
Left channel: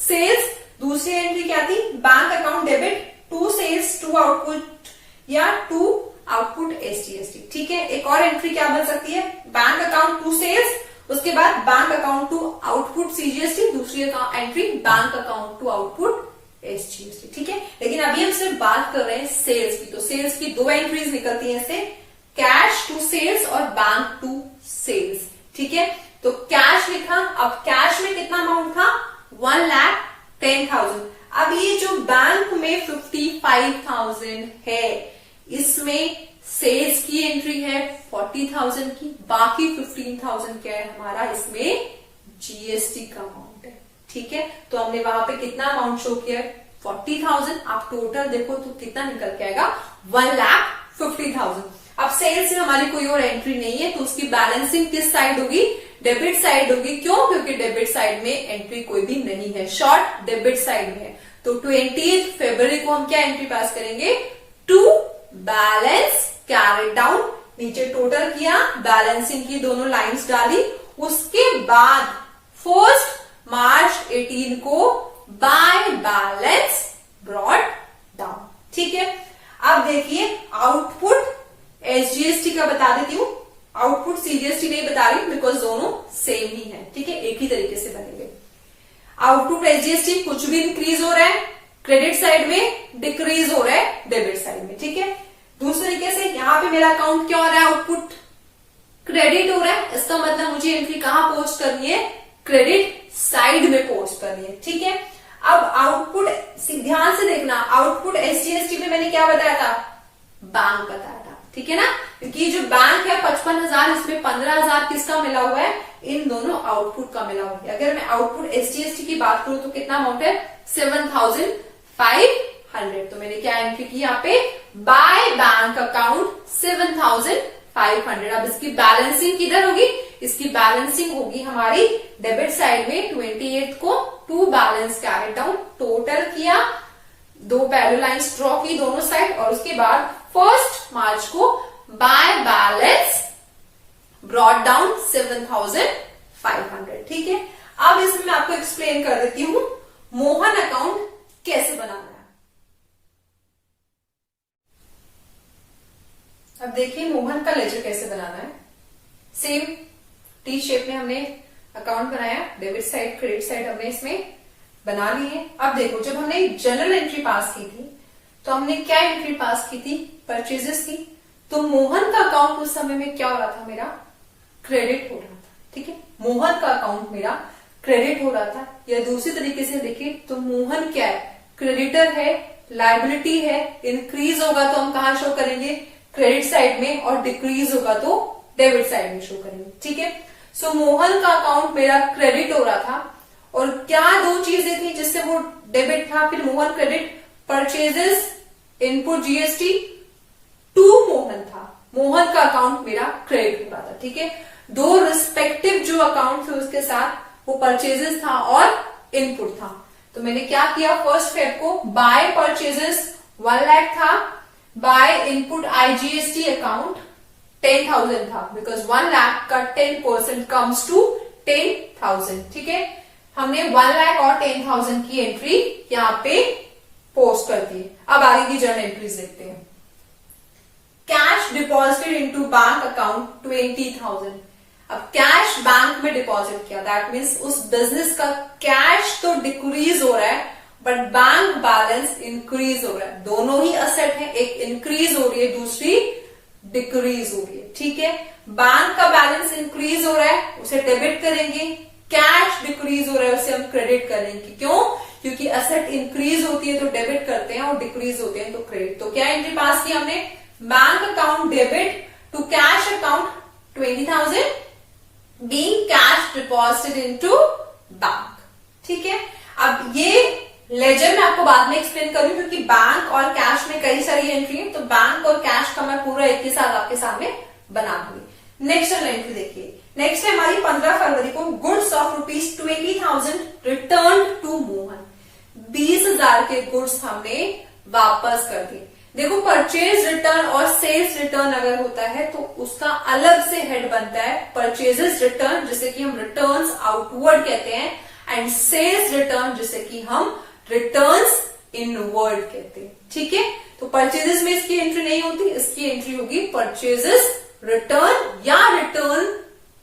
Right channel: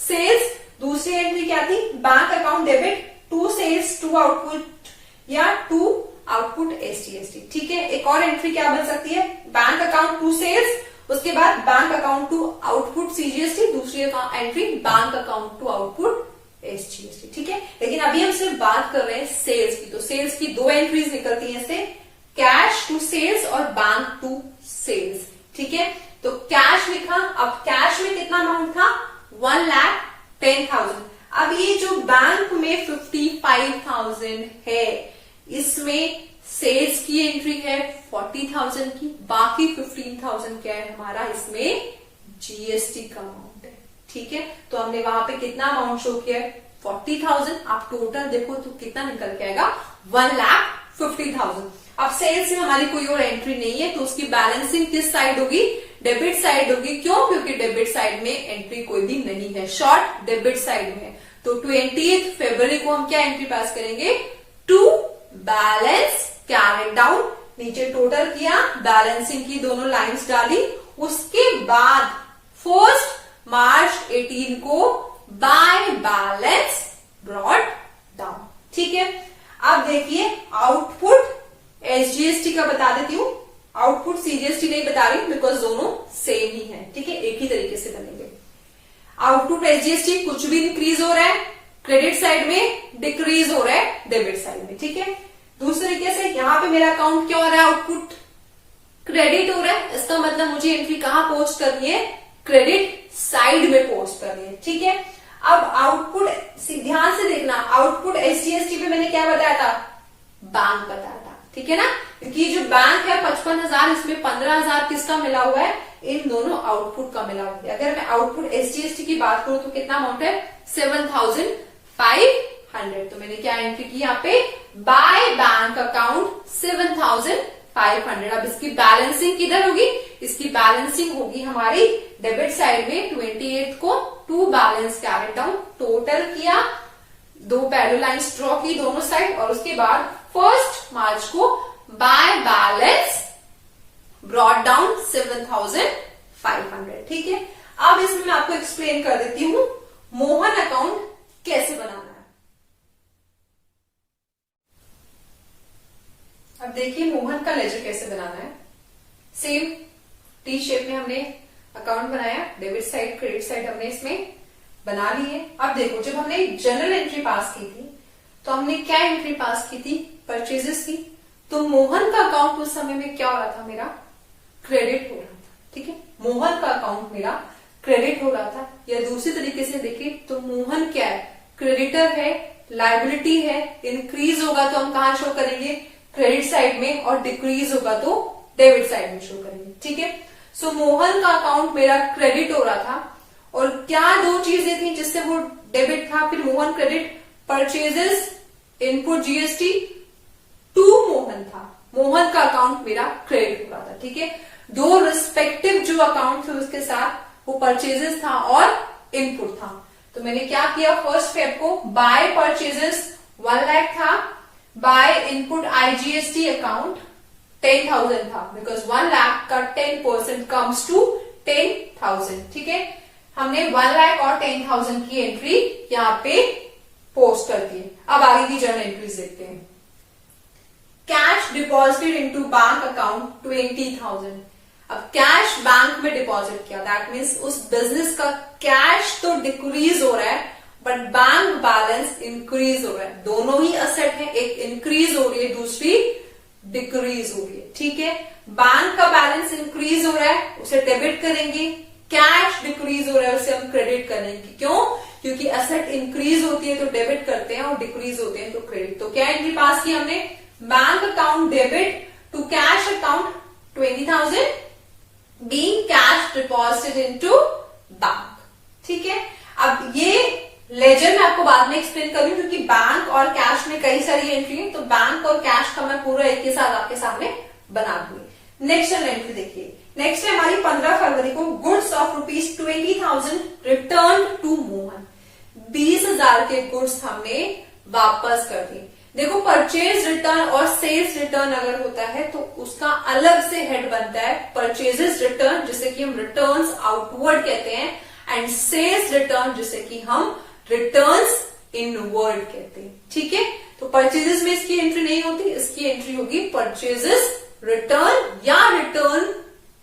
sales, दूसरी एंट्री क्या थी? Bank account debit to sales to output या टू आउटपुट एसजीएसटी। ठीक है, एक और एंट्री क्या बन सकती है, बैंक अकाउंट टू सेल्स, उसके बाद bank account to output CGST, दूसरी entry bank account to output SGST. ठीक है, लेकिन अभी हम सिर्फ बात कर रहे हैं सेल्स की। तो सेल्स की दो एंट्रीज निकलती हैं इससे, कैश टू सेल्स और बैंक टू सेल्स। ठीक है, तो कैश लिखा, अब कैश में कितना अमाउंट था, 1,10,000। अब ये जो बैंक में 55,000 है, इसमें सेल्स की एंट्री है 40,000 की, बाकी 15,000 क्या है हमारा, इसमें जीएसटी का अमाउंट है। ठीक है, तो हमने वहां पे कितना अमाउंट शो किया, 40,000। आप टोटल देखो तो कितना निकल के आएगा, 1,50,000। अब सेल्स से हमारी कोई और एंट्री नहीं है, तो उसकी बैलेंसिंग किस साइड होगी, डेबिट साइड होगी। क्यों, क्योंकि डेबिट साइड में एंट्री कोई भी नहीं है, शॉर्ट डेबिट साइड में। तो 20 फरवरी को हम क्या एंट्री पास करेंगे, टू बैलेंस कैरेट डाउन, नीचे टोटल किया, बैलेंसिंग की दोनों लाइंस डाली, उसके बाद 1 मार्च 18 को बाय बैलेंस ब्रॉट डाउन। ठीक है, अब देखिए आउटपुट एसजीएसटी का बता देती हूं, आउटपुट सीजीएसटी नहीं बता रही बिकॉज दोनों सेम ही है। ठीक है, एक ही तरीके से बनेंगे। आउटपुट एसजीएसटी कुछ भी इंक्रीज हो रहा है क्रेडिट साइड में, डिक्रीज हो रहा है डेबिट साइड में। ठीक है, दूसरे तरीके से यहां पे मेरा अकाउंट क्या हो रहा है, आउटपुट क्रेडिट हो रहा है, इसका मतलब मुझे एंट्री कहां पोस्ट करनी है, क्रेडिट साइड में पोस्ट करनी है। ठीक है, अब आउटपुट ध्यान से देखना, आउटपुट एसजीएसटी में मैंने क्या बताया था, बैंक बताया था। ठीक है ना, क्योंकि जो बैंक है 55,000, इसमें 15,000 किसका मिला हुआ है, इन दोनों आउटपुट का मिला हुआ है। अगर मैं आउटपुट एसजीएसटी की बात करूं तो कितना अमाउंट है, 7,500। तो मैंने क्या एंट्री की यहाँ पे, बाय बैंक अकाउंट 7,500। अब इसकी बैलेंसिंग किधर होगी, इसकी बैलेंसिंग होगी हमारी डेबिट साइड में 28 को, to balance carried down, total किया, दो पैरेलल लाइंस ड्रॉ की दोनों साइड, और उसके बाद 1 मार्च को बाय बैलेंस ब्रॉट डाउन 7,500। ठीक है, अब इसमें मैं आपको एक्सप्लेन कर देती हूं मोहन अकाउंट कैसे बनाना है। अब देखिए मोहन का लेजर कैसे बनाना है। सेम टी शेप में हमने अकाउंट बनाया, डेबिट साइड क्रेडिट साइड हमने इसमें बना ली है। अब देखो, जब हमने जनरल एंट्री पास की थी तो हमने क्या एंट्री पास की थी, परचेजेस थी। तो मोहन का अकाउंट उस समय में क्या हो रहा था, मेरा क्रेडिट हो रहा था। ठीक है, मोहन का अकाउंट मेरा क्रेडिट हो रहा था, या दूसरी तरीके से देखिए तो मोहन क्या है, क्रेडिटर है, लायबिलिटी है, इंक्रीज होगा तो हम कहां शो करेंगे, क्रेडिट साइड में, और डिक्रीज होगा तो डेबिट साइड में शो करेंगे। ठीक है, सो मोहन का अकाउंट मेरा क्रेडिट हो रहा था, और क्या दो चीजें थी जिससे वो डेबिट था, फिर Mohan credit, purchases, input GST, to Mohan था, मोहन का अकाउंट मेरा क्रेडिट हो रहा था। ठीक है, दो रिस्पेक्टिव जो अकाउंट थे उसके साथ, वो परचेजेस था और इनपुट था। तो मैंने क्या किया, 1 फेब को बाय परचेजेस 1 लाख था, बाय इनपुट आईजीएसटी अकाउंट 10,000 था, बिकॉज 1 लाख का 10% कम्स टू 10,000। ठीक है, हमने 1 लाख और 10,000 की एंट्री यहाँ पे पोस्ट कर दी। अब आगे की जर्नल एंट्रीज देखते हैं। Cash deposited into bank account 20,000। अब कैश बैंक में डिपॉजिट किया, दैट मीन्स उस बिजनेस का कैश तो डिक्रीज हो रहा है बट बैंक बैलेंस इंक्रीज हो रहा है। दोनों ही असेट है, एक इंक्रीज हो रही है, दूसरी डिक्रीज हो रही है। ठीक है, बैंक का बैलेंस इंक्रीज हो रहा है, उसे डेबिट करेंगे, कैश डिक्रीज हो रहा है, उसे हम क्रेडिट करेंगे। क्यों, क्योंकि असेट इंक्रीज होती है तो डेबिट करते हैं और डिक्रीज होते हैं तो क्रेडिट। तो क्या एंट्री पास की हमने, bank account debit to cash account 20,000 being cash deposited into bank. ठीक है, अब ये लेजर मैं आपको बाद में एक्सप्लेन करूंगी क्योंकि बैंक और कैश में कई सारी एंट्री है, तो बैंक और कैश का मैं पूरा एक ही साथ आपके सामने बना दूंगी। नेक्स्ट एंट्री देखिए, नेक्स्ट है हमारी 15 फरवरी को goods of ₹20,000 return to Mohan. 20,000 के गुड्स हमने वापस कर दिए। देखो, परचेज रिटर्न और सेल्स रिटर्न अगर होता है तो उसका अलग से हेड बनता है, परचेजेस रिटर्न जिसे कि हम रिटर्न्स आउटवर्ड कहते हैं, एंड सेल्स रिटर्न जिसे कि हम रिटर्न्स इनवर्ड कहते हैं, ठीक है। तो परचेजेस में इसकी एंट्री नहीं होती, इसकी एंट्री होगी परचेजेस रिटर्न या रिटर्न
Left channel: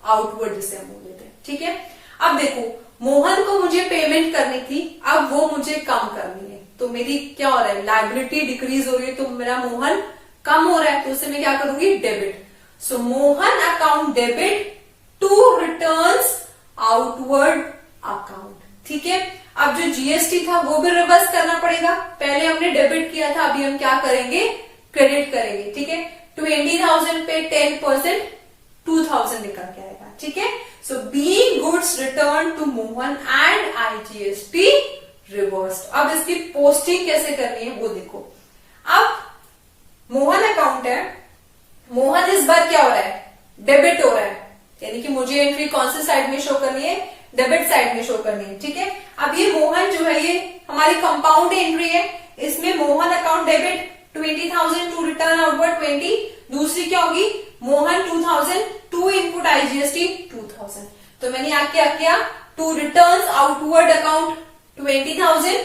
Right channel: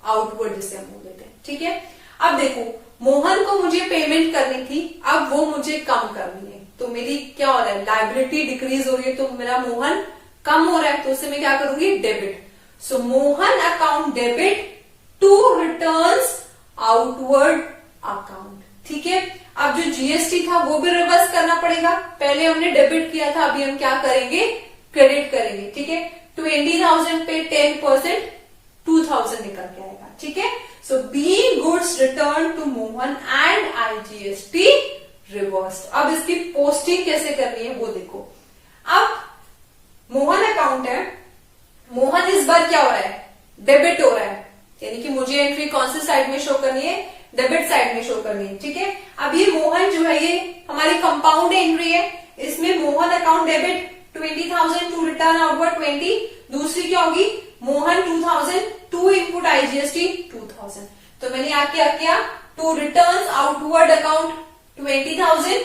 आउटवर्ड जिसे हम बोल देते हैं, ठीक है। अब देखो मोहन को मुझे पेमेंट करनी थी, अब वो मुझे कम करनी है, तो मेरी क्या हो रहा है, लायबिलिटी डिक्रीज हो रही है, तो मेरा मोहन कम हो रहा है, तो उससे मैं क्या करूंगी, debit. So Mohan account debit to returns outward account, ठीक है। अब जो जीएसटी था वो भी रिवर्स करना पड़ेगा, पहले हमने डेबिट किया था, अभी हम क्या करेंगे, क्रेडिट करेंगे, ठीक है। 20,000 पे 10% 2,000 निकल के आएगा, ठीक है। So B goods return to Mohan and IGST reversed. अब इसकी पोस्टिंग कैसे करनी है वो देखो। अब मोहन अकाउंट है, मोहन इस बार क्या हो रहा है, डेबिट हो रहा है, यानी कि मुझे एंट्री कौन सी साइड में शो करनी है, डेबिट साइड में शो करनी है, ठीक है। अब ये मोहन जो है ये हमारी कंपाउंड एंट्री है, इसमें Mohan account debit 20,000 to return outward 20, दूसरी क्या होगी, मोहन 2,000 टू इनपुट आईजीएसटी 2,000। तो मैंने यहाँ क्या किया, to returns outward account 20,000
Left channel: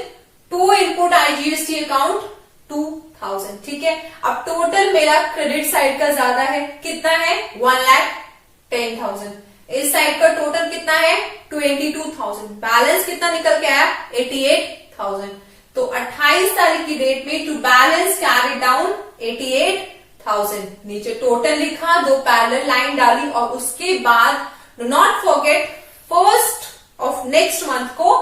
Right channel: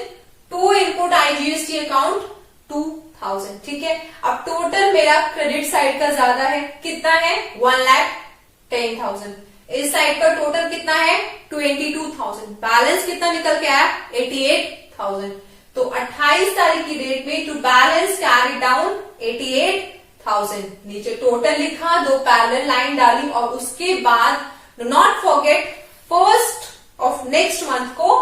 to input IGST account 2,000, ठीक है। अब टोटल मेरा क्रेडिट साइड का ज्यादा है, कितना है, 1,10,000। इस साइड का टोटल कितना है, 22,000। बैलेंस कितना निकल के आया, 88,000। तो 28 तारीख की डेट में टू बैलेंस कैरी डाउन 88,000, नीचे टोटल लिखा, दो पैरेलल लाइन डाली, और उसके बाद do not forget first of next month को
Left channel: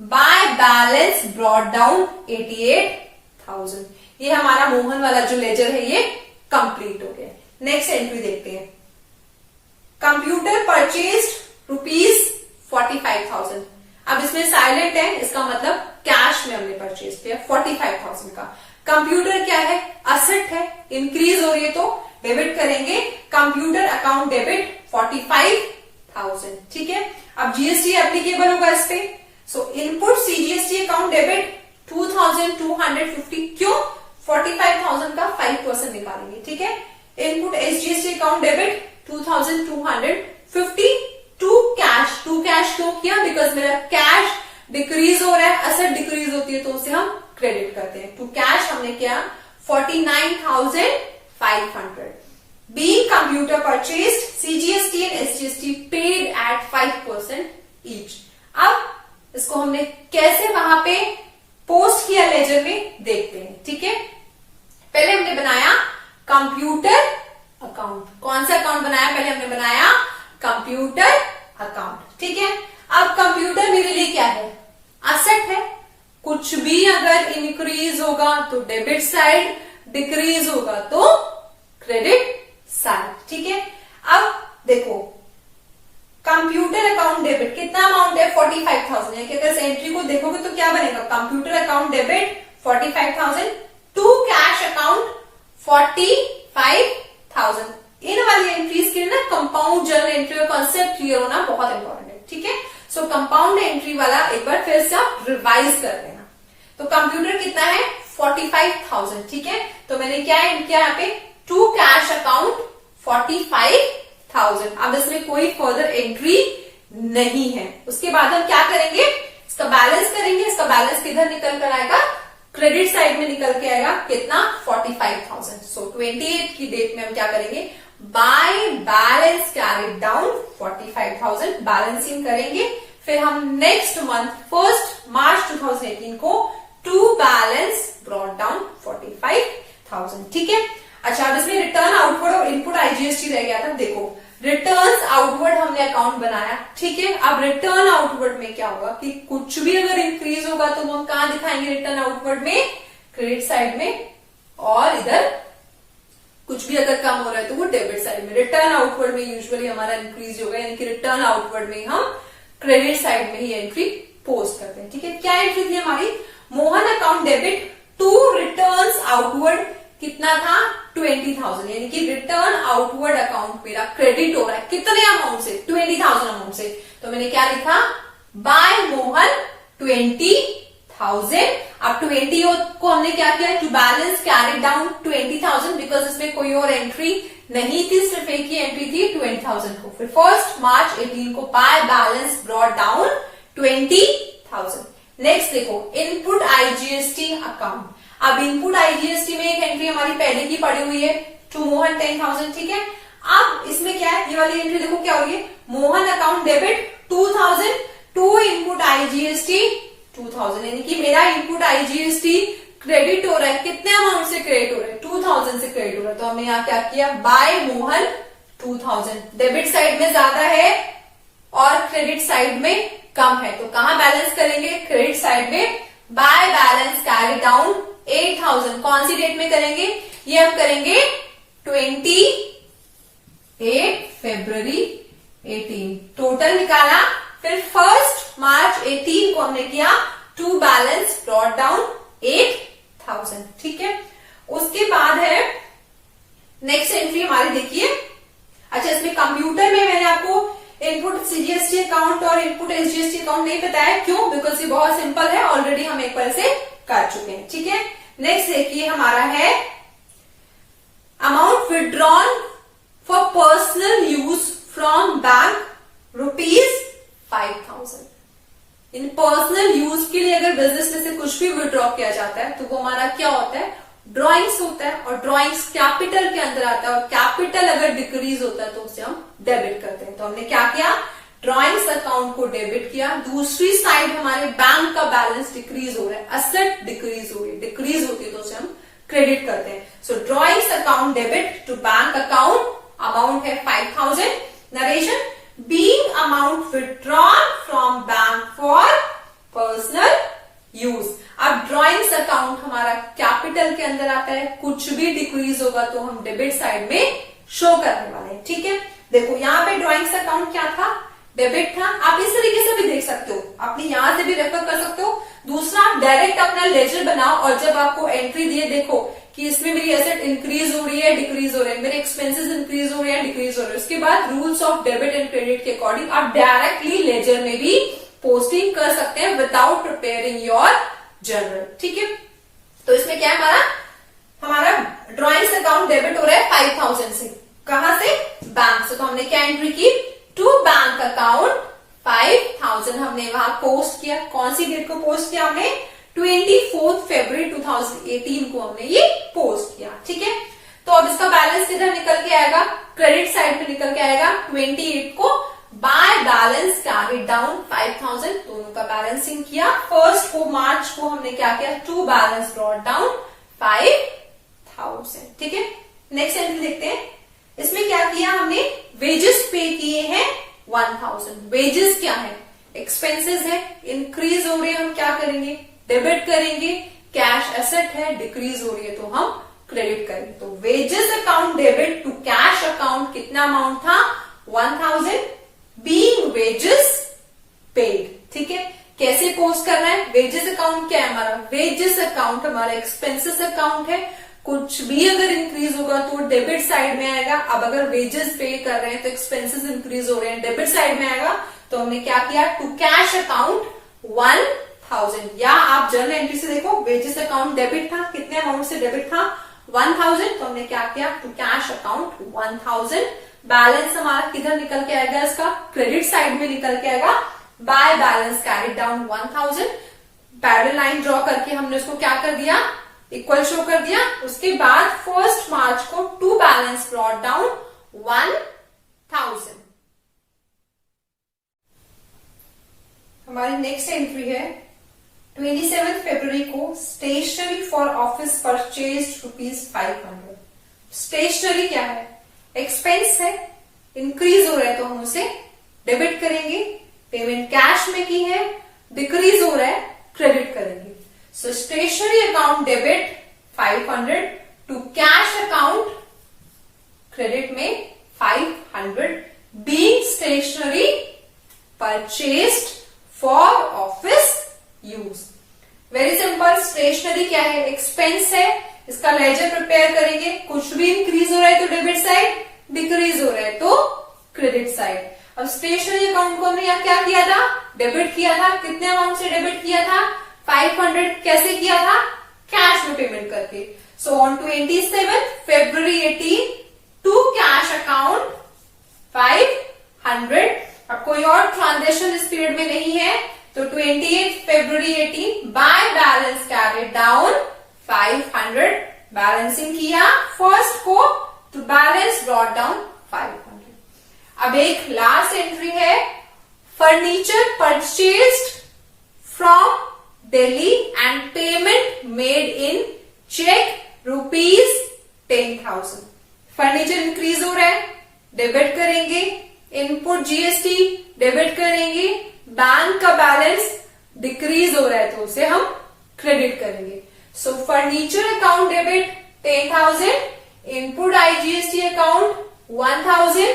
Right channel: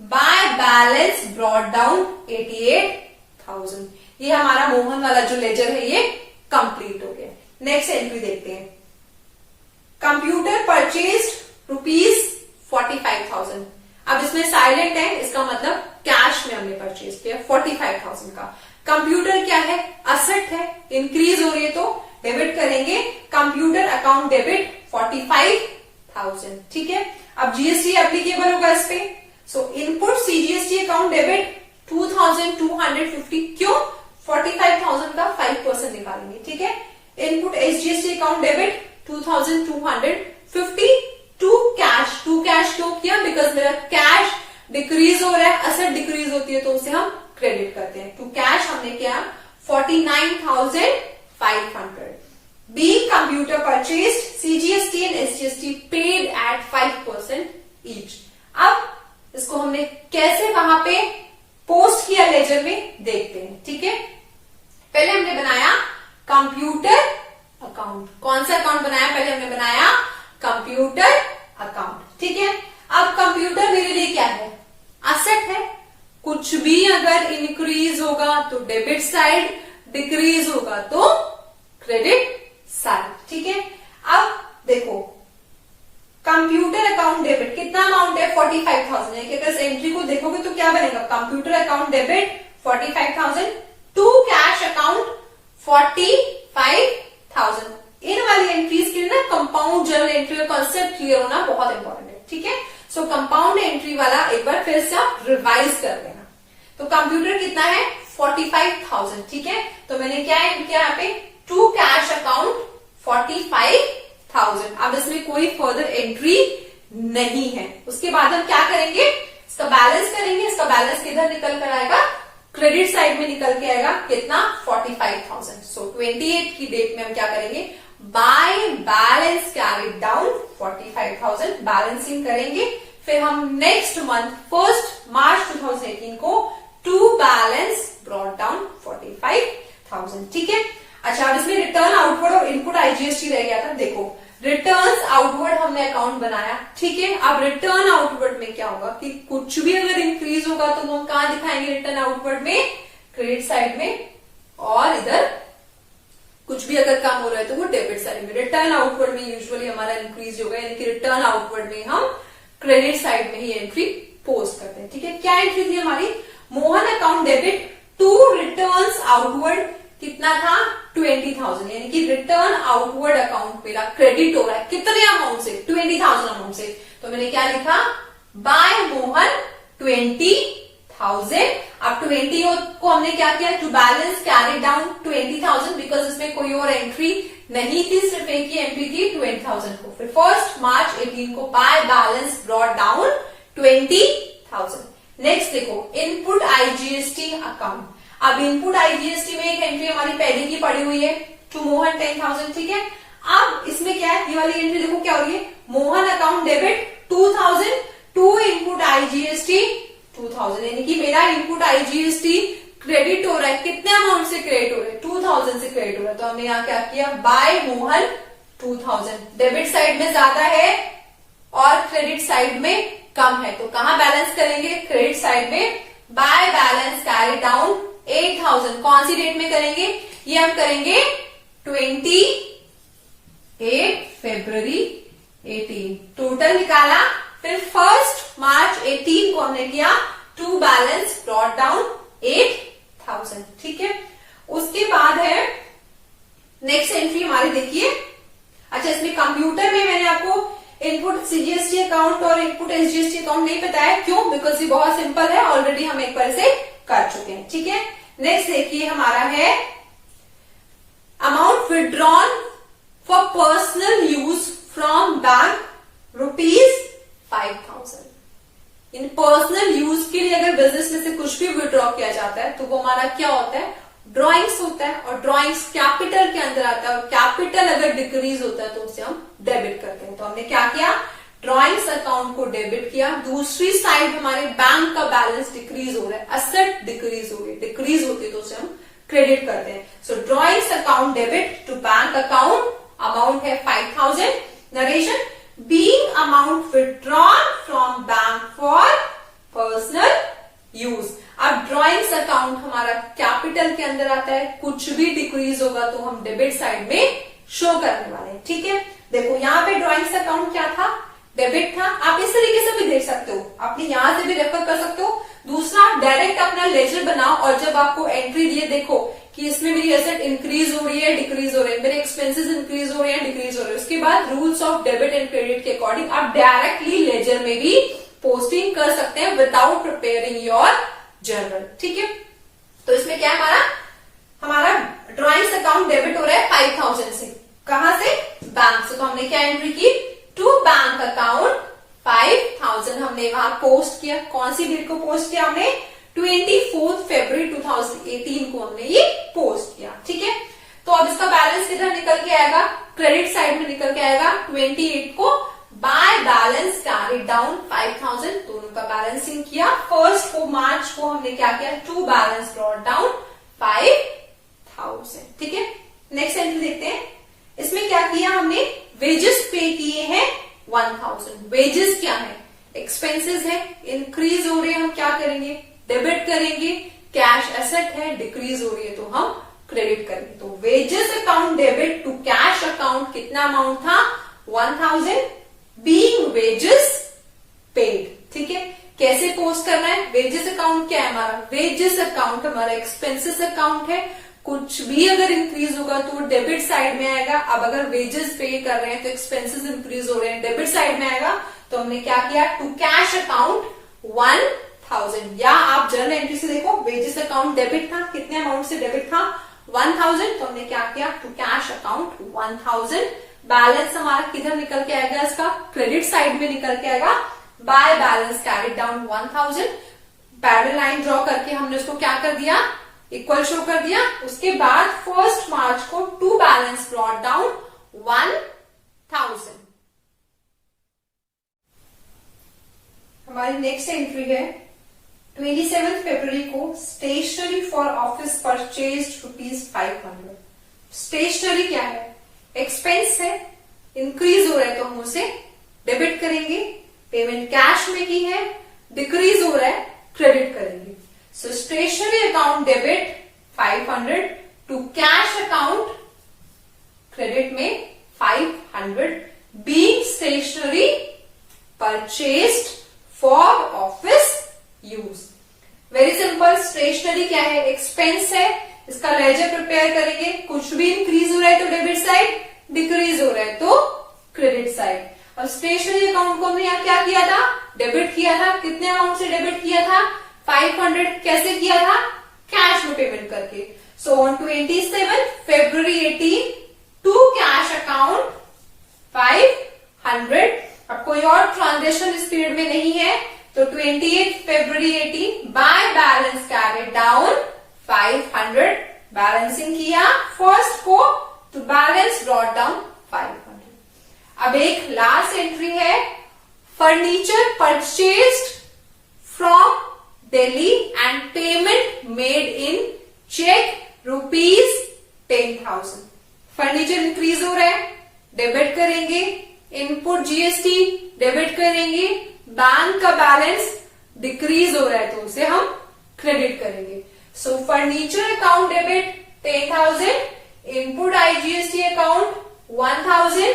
बाय बैलेंस ब्रॉट डाउन 88,000। ये हमारा मोहन वाला जो लेजर है ये कंप्लीट हो गया। नेक्स्ट एंट्री देखते हैं। Computer purchased ₹45,000। अब इसमें साइलेंट है, इसका मतलब कैश में हमने परचेज किया 45,000 का। कंप्यूटर क्या है, असेट है, इंक्रीज हो रही है तो डेबिट करेंगे, कंप्यूटर अकाउंट डेबिट 45,000, ठीक है। अब जीएसटी एप्लीकेबल होगा इस पे। So input CGST account debit 2,250, क्यों, 45,000 का 5% निकालेंगे, ठीक है। Input SGST account debit 2,250 to cash क्यों किया, बिकॉज मेरा कैश डिक्रीज हो रहा है, असेट डिक्रीज होती है तो उसे हम क्रेडिट करते हैं। टू कैश हमने किया 49,500। Be computer purchase CGST and SGST paid at 5% each. अब इसको हमने कैसे वहां पे पोस्ट किया लेजर में देखते हैं, ठीक है। पहले हमने बनाया कंप्यूटर अकाउंट। कौन सा अकाउंट बनाया, पहले हमने बनाया कंप्यूटर अकाउंट, ठीक है। अब कंप्यूटर मेरे लिए क्या है, असेट है, कुछ भी अगर इंक्रीज होगा तो डेबिट साइड, डिक्रीज होगा तो क्रेडिट साइड, ठीक है। अब देखो कंप्यूटर अकाउंट डेबिट कितना अमाउंट है, 45,000 है। अगर एंट्री को देखोगे तो क्या बनेगा, computer account debit 45,000 to cash account 45,000। इन वाली एंट्रीज के लिए ना कंपाउंड जर्नल एंट्री का कॉन्सेप्ट क्लियर होना बहुत इंपॉर्टेंट है, ठीक है। सो कंपाउंड एंट्री वाला एक बार फिर से आप रिवाइज कर लेना। तो कंप्यूटर कितना है, 45,000, ठीक है। तो मैंने क्या किया यहाँ पे, टू कैश अकाउंट 45,000। अब इसमें कोई फर्दर एंट्री नहीं है। उसके बाद हम क्या करेंगे, इसका बैलेंस करेंगे। इसका बैलेंस किधर निकल कर आएगा, क्रेडिट साइड में निकल के आएगा, कितना, 45,000। सो 28 की डेट में हम क्या करेंगे, by balance carry down 45,000 balancing करेंगे। फिर हम नेक्स्ट मंथ 1 मार्च 2018 को टू बैलेंस ब्रॉट डाउन 45,000, ठीक है। अच्छा, अब इसमें रिटर्न आउटवर्ड और इनपुट आईजीएसटी रह गया था। देखो रिटर्न्स आउटवर्ड हमने अकाउंट बनाया, ठीक है। अब रिटर्न आउटवर्ड में क्या होगा कि कुछ भी अगर इंक्रीज होगा तो हम कहां दिखाएंगे, रिटर्न आउटवर्ड में, क्रेडिट साइड में, और इधर कुछ भी अगर कम हो रहा है तो वो डेबिट साइड में। रिटर्न आउटवर्ड में यूजुअली हमारा इंक्रीज होगा, यानी कि रिटर्न आउटवर्ड में हम क्रेडिट साइड में ही एंट्री पोस्ट करते हैं, ठीक है। क्या एंट्री थी हमारी, Mohan account debit to returns outward कितना था, 20,000, यानी कि रिटर्न आउटवर्ड अकाउंट मेरा क्रेडिट हो रहा है कितने अमाउंट से, 20,000 अमाउंट से। तो मैंने क्या लिखा, बाय मोहन 20,000। अब 20 को हमने क्या किया, to balance carry down 20,000, because इसमें कोई और एंट्री नहीं थी, सिर्फ एक ही एंट्री थी 20,000 को। फिर 1 मार्च 18 को by balance brought down 20,000। Next देखो इनपुट आईजीएसटी अकाउंट। अब इनपुट आईजीएसटी में एक एंट्री हमारी पहले की पड़ी हुई है टू मोहन 10,000, ठीक है। अब इसमें क्या है, ये वाली एंट्री देखो क्या हो रही है, Mohan account debit 2,000 to input IGST 2,000, यानी कि मेरा इनपुट आईजीएसटी क्रेडिट हो रहा है, कितने अमाउंट से क्रेडिट हो रहा है, 2,000 से क्रेडिट हो रहा है। तो हमने यहाँ क्या किया, बाय मोहन 2,000, डेबिट साइड में ज्यादा है और क्रेडिट साइड में कम है, तो कहां बैलेंस करेंगे, क्रेडिट साइड में। बाय बैलेंस कैरी डाउन 8,000, कौन सी डेट में करेंगे, ये हम करेंगे 28 फरवरी 18, टोटल निकाला। फिर 1 मार्च 18 को हमने किया टू बैलेंस ब्रॉट डाउन 8,000, ठीक है। उसके बाद है नेक्स्ट एंट्री हमारी, देखिए अच्छा इसमें कंप्यूटर में मैंने आपको इनपुट सीजीएसटी अकाउंट और इनपुट एसजीएसटी अकाउंट नहीं बताया, क्यों, बिकॉज ये बहुत सिंपल है, ऑलरेडी हम एक बार से कर चुके हैं, ठीक है। नेक्स्ट देखिए हमारा है amount withdrawn for personal use from bank ₹5,000। In personal use के लिए अगर बिजनेस में से कुछ भी विड्रॉ किया जाता है तो वो हमारा क्या होता है, ड्रॉइंग्स होता है, और ड्रॉइंग्स कैपिटल के अंदर आता है, और कैपिटल अगर डिक्रीज होता है तो उसे हम डेबिट करते हैं। तो हमने क्या किया, ड्रॉइंग्स अकाउंट को डेबिट किया। दूसरी साइड हमारे बैंक का बैलेंस डिक्रीज हो रहा है, असेट डिक्रीज हो रही है, डिक्रीज होती है तो उसे हम क्रेडिट करते हैं। So drawings account debit to bank account, amount है 5,000। Narration, being amount withdrawn from bank for personal use. अब ड्रॉइंग्स अकाउंट हमारा कैपिटल के अंदर आता है, कुछ भी डिक्रीज होगा तो हम डेबिट साइड में शो करने वाले हैं, ठीक है। देखो यहाँ पे ड्रॉइंग्स अकाउंट क्या था, डेबिट था। आप इस तरीके से भी देख सकते हो, अपनी यहां से भी रेफर कर सकते हो। दूसरा, आप डायरेक्ट अपना लेजर बनाओ और जब आपको एंट्री दिए, देखो कि इसमें मेरी एसेट इंक्रीज हो रही है, डिक्रीज हो रही है, मेरे एक्सपेंसेस इंक्रीज हो रहे हैं, डिक्रीज हो रहे हैं। उसके बाद rules of debit and credit के अकॉर्डिंग आप डायरेक्टली लेजर में भी पोस्टिंग कर सकते हैं विदाउट प्रिपेयरिंग योर जर्नल, ठीक है। तो इसमें क्या है, हमारा ड्रॉइंग्स अकाउंट डेबिट हो रहा है 5,000 से, कहां से, बैंक से। तो हमने क्या एंट्री की, टू बैंक अकाउंट 5,000 हमने वहां पोस्ट किया। कौन सी डेट को पोस्ट किया हमने, 24 फरवरी 2018 को हमने ये पोस्ट किया, ठीक है। तो अब इसका बैलेंस किधर निकल के आएगा, क्रेडिट साइड में निकल के आएगा 28 को। बाय बैलेंस कैरी डाउन 5,000, दोनों का बैलेंसिंग किया। 1 मार्च को हमने क्या किया, टू बैलेंस ब्रॉट डाउन 5,000, ठीक है। नेक्स्ट एंट्री देखते हैं, इसमें क्या किया हमने, वेजेस पे किए हैं 1,000। वेजेस क्या है, एक्सपेंसेस है, इंक्रीज हो रही है, हम क्या करेंगे, डेबिट करेंगे। कैश एसेट है, डिक्रीज हो रही है तो हम क्रेडिट करेंगे। तो wages account debit to cash account कितना अमाउंट था, 1,000 बीइंग वेजेस पेड, ठीक है। कैसे पोस्ट करना है, वेजेस अकाउंट क्या है हमारा, वेजेस अकाउंट हमारा एक्सपेंसेस अकाउंट है, कुछ भी अगर इंक्रीज होगा तो डेबिट साइड में आएगा। अब अगर वेजेस पे कर रहे हैं तो एक्सपेंसेस इंक्रीज हो रहे हैं, डेबिट साइड में आएगा। तो हमने क्या किया, टू कैश अकाउंट 1,000, या आप जर्नल एंट्री से देखो, वेजेस अकाउंट डेबिट था, कितने अमाउंट से डेबिट था, 1,000। तो हमने क्या किया, टू कैश अकाउंट 1,000। बैलेंस हमारा किधर निकल के आएगा, इसका क्रेडिट साइड में निकल के आएगा। Bye balance carried down 1,000, parallel line draw करके हमने उसको क्या कर दिया, इक्वल शो कर दिया। उसके बाद 1 मार्च को टू बैलेंस ब्रॉट डाउन 1,000। हमारी नेक्स्ट एंट्री है 27 फरवरी को, stationery for office purchase ₹500। Stationery क्या है, एक्सपेंस है, इंक्रीज हो रहा है तो हम उसे डेबिट करेंगे। पेमेंट कैश में की है, डिक्रीज हो रहा है, क्रेडिट करेंगे। So stationery account debit 500 to cash account credit में 500 being stationery purchased for office use. Very simple, stationery क्या है, एक्सपेंस है, इसका लेजर प्रिपेयर करेंगे। कुछ भी इंक्रीज हो रहा है तो डेबिट साइड, डिक्रीज हो रहा है तो क्रेडिट साइड। अब स्टेशनरी अकाउंट को हमने यहाँ क्या किया था, डेबिट किया था। कितने अमाउंट से डेबिट किया था, 500। कैसे किया था, कैश में पेमेंट करके। सो ऑन 27 फरवरी 18 टू कैश अकाउंट 500। अब कोई और ट्रांजेक्शन इस पीरियड में नहीं है, तो 28 February 18 by balance carried down 500, balancing किया फर्स्ट को तो बैलेंस ब्रॉट डाउन 500। अब एक लास्ट एंट्री है, furniture purchased from Delhi and payment made in cheque ₹10,000। Furniture increase हो रहा है, डेबिट करेंगे, इनपुट जीएसटी डेबिट करेंगे, बैंक का बैलेंस डिक्रीज हो रहा है तो उसे हम क्रेडिट करेंगे। So furniture account debit 10,000, input IGST account 1,000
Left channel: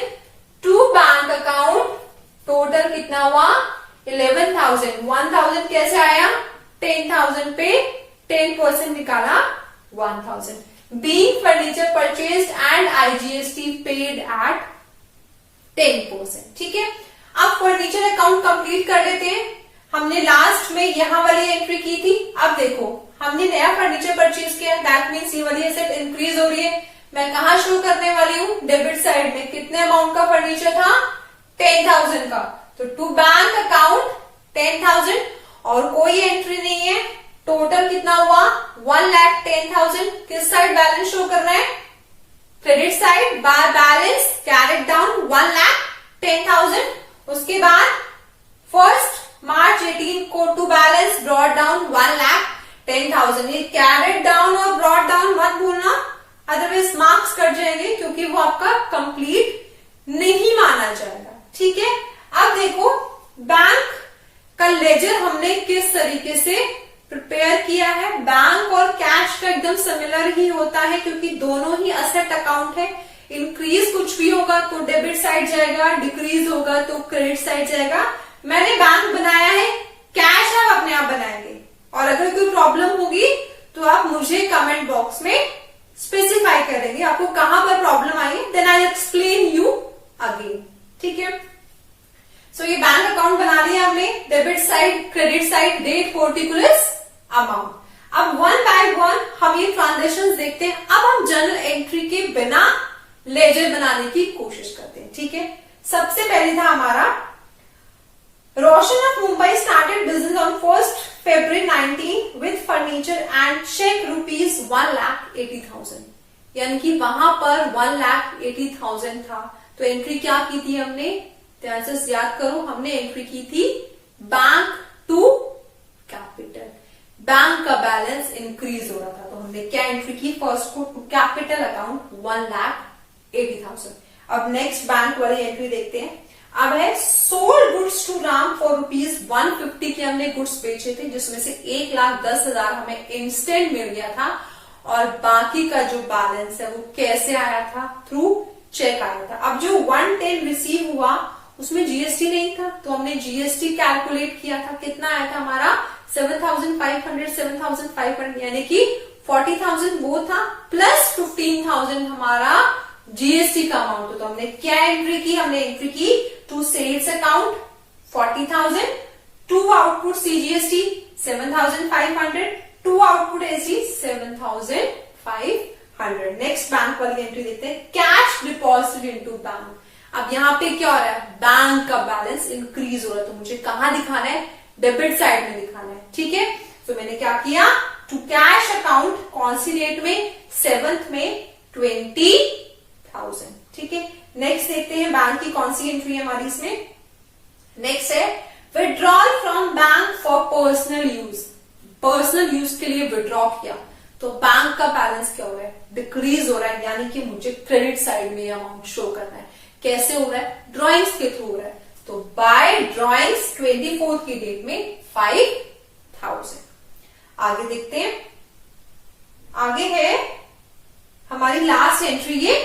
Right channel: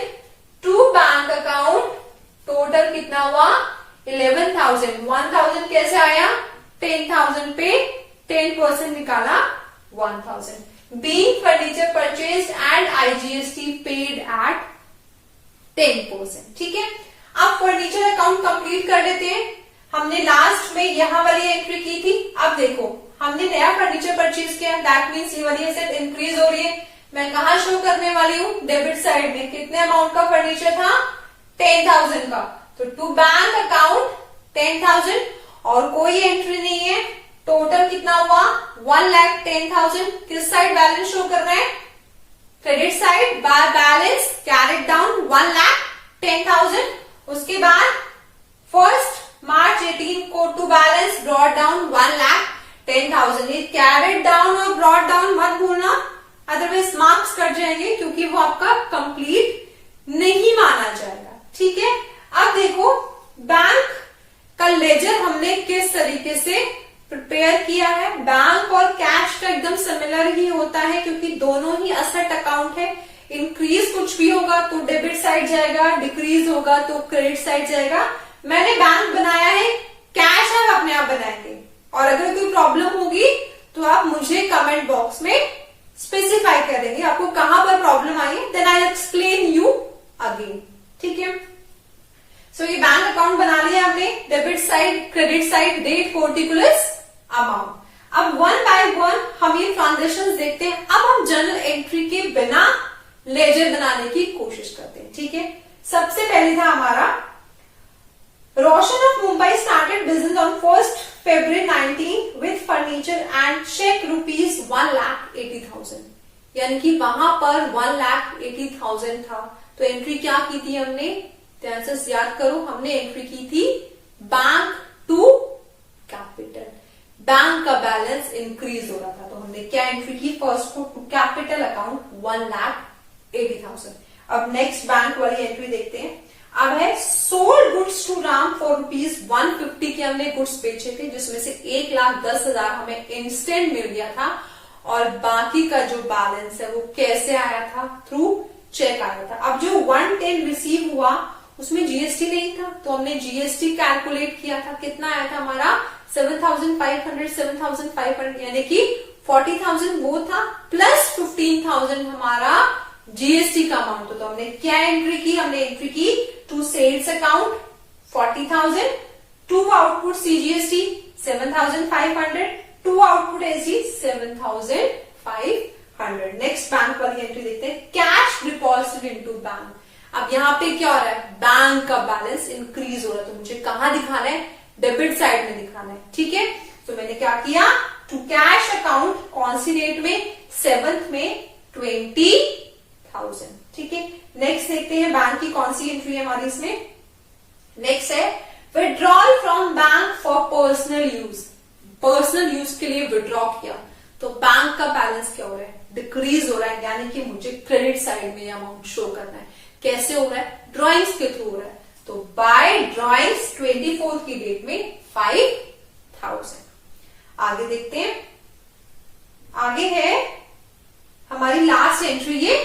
to bank account, total कितना हुआ 11,000। 1,000 कैसे आया, 10,000 पे 10% निकाला 1,000। Being furniture purchased and IGST paid at 10%। ठीक है, अब फर्नीचर अकाउंट कंप्लीट कर लेते हैं। हमने लास्ट में यहां वाली एंट्री की थी। अब देखो हमने नया फर्नीचर परचेज किया, दैट मीन्स ये वाली एसेट इंक्रीज हो रही है। मैं कहा शो करने वाली हूँ, डेबिट साइड में कितने अमाउंट का फर्नीचर था 10,000 का, तो टू बैंक अकाउंट 10,000 और कोई एंट्री नहीं है। टोटल कितना हुआ 1,10,000। किस साइड बैलेंस शो कर रहे हैं, credit side, bye balance carried down 1,10,000। उसके बाद 1 मार्च 18 को टू बैलेंस ब्रॉट डाउन 1,10,000। ये कैरिड डाउन और ब्रॉट डाउन मत भूलना, अदरवाइज मार्क्स कट जाएंगे क्योंकि वो आपका कंप्लीट नहीं माना जाएगा। ठीक है, अब देखो बैंक का लेजर हमने किस तरीके से प्रिपेयर किया है। बैंक और कैश का एकदम सिमिलर ही होता है क्योंकि दोनों ही असेट अकाउंट है। इंक्रीज कुछ भी होगा तो डेबिट साइड जाएगा, डिक्रीज होगा तो क्रेडिट साइड जाएगा। मैंने बैंक बनाया है, कैश आप अपने आप बनाएंगे और अगर कोई प्रॉब्लम होगी तो आप मुझे कमेंट बॉक्स में स्पेसिफाई करेंगे आपको कहां पर प्रॉब्लम आई है, then I explain you again. ठीक है, सो ये बैंक अकाउंट बना लिया हमने, debit side, credit side, date, particulars, amount. अब वन बाय वन हम ये ट्रांजेक्शंस देखते हैं। अब हम जर्नल एंट्री के बिना लेजर बनाने की कोशिश करते हैं। ठीक है, सबसे पहले था हमारा Roshan of Mumbai started business on 1 February 19 with furniture and cheque ₹1,80,000, यानी कि वहां पर 1,80,000 था। तो एंट्री क्या की थी हमने, ध्यान से याद करो, हमने एंट्री की थी बैंक टू कैपिटल। बैंक का बैलेंस इंक्रीज हो रहा था तो हमने क्या एंट्री की, फर्स्ट को टू कैपिटल अकाउंट 1,80,000। अब नेक्स्ट बैंक वाली एंट्री देखते हैं। अब है sold goods to Ram for ₹150 के हमने गुड्स बेचे थे, जिसमें से 1,10,000 हमें इंस्टेंट मिल गया था और बाकी का जो बैलेंस है वो कैसे आया था, थ्रू चेक आया था। अब जो 110 रिसीव हुआ उसमें जीएसटी नहीं था तो हमने जीएसटी कैलकुलेट किया था, कितना आया था हमारा 7,500 यानी कि 40,000 वो था प्लस 15,000 हमारा जीएसटी का अमाउंट। तो हमने क्या एंट्री की, हमने एंट्री की to sales account 40,000, to output CGST 7,500, to output SG 7,500। Next bank वाली एंट्री देखते हैं, कैश डिपॉजिटेड इनटू बैंक। अब यहाँ पे क्या हो रहा है, बैंक का बैलेंस इंक्रीज हो रहा है तो मुझे कहां दिखाना है, डेबिट साइड में दिखाना है। ठीक है, तो मैंने क्या किया, टू कैश अकाउंट कौन सी डेट में, 7th में 20,000। ठीक है, नेक्स्ट देखते हैं बैंक की कौन सी एंट्री है हमारी इसमें। नेक्स्ट है withdrawal from bank for personal use. Personal use के लिए विड्रॉ किया तो बैंक का बैलेंस क्या हो रहा है, डिक्रीज हो रहा है, यानी कि मुझे क्रेडिट साइड में अमाउंट शो करना है। कैसे हो रहा है, ड्रॉइंग्स के थ्रू हो रहा है, तो बाय ड्रॉइंग्स 24th की डेट में 5,000। आगे देखते हैं, आगे है हमारी लास्ट एंट्री ये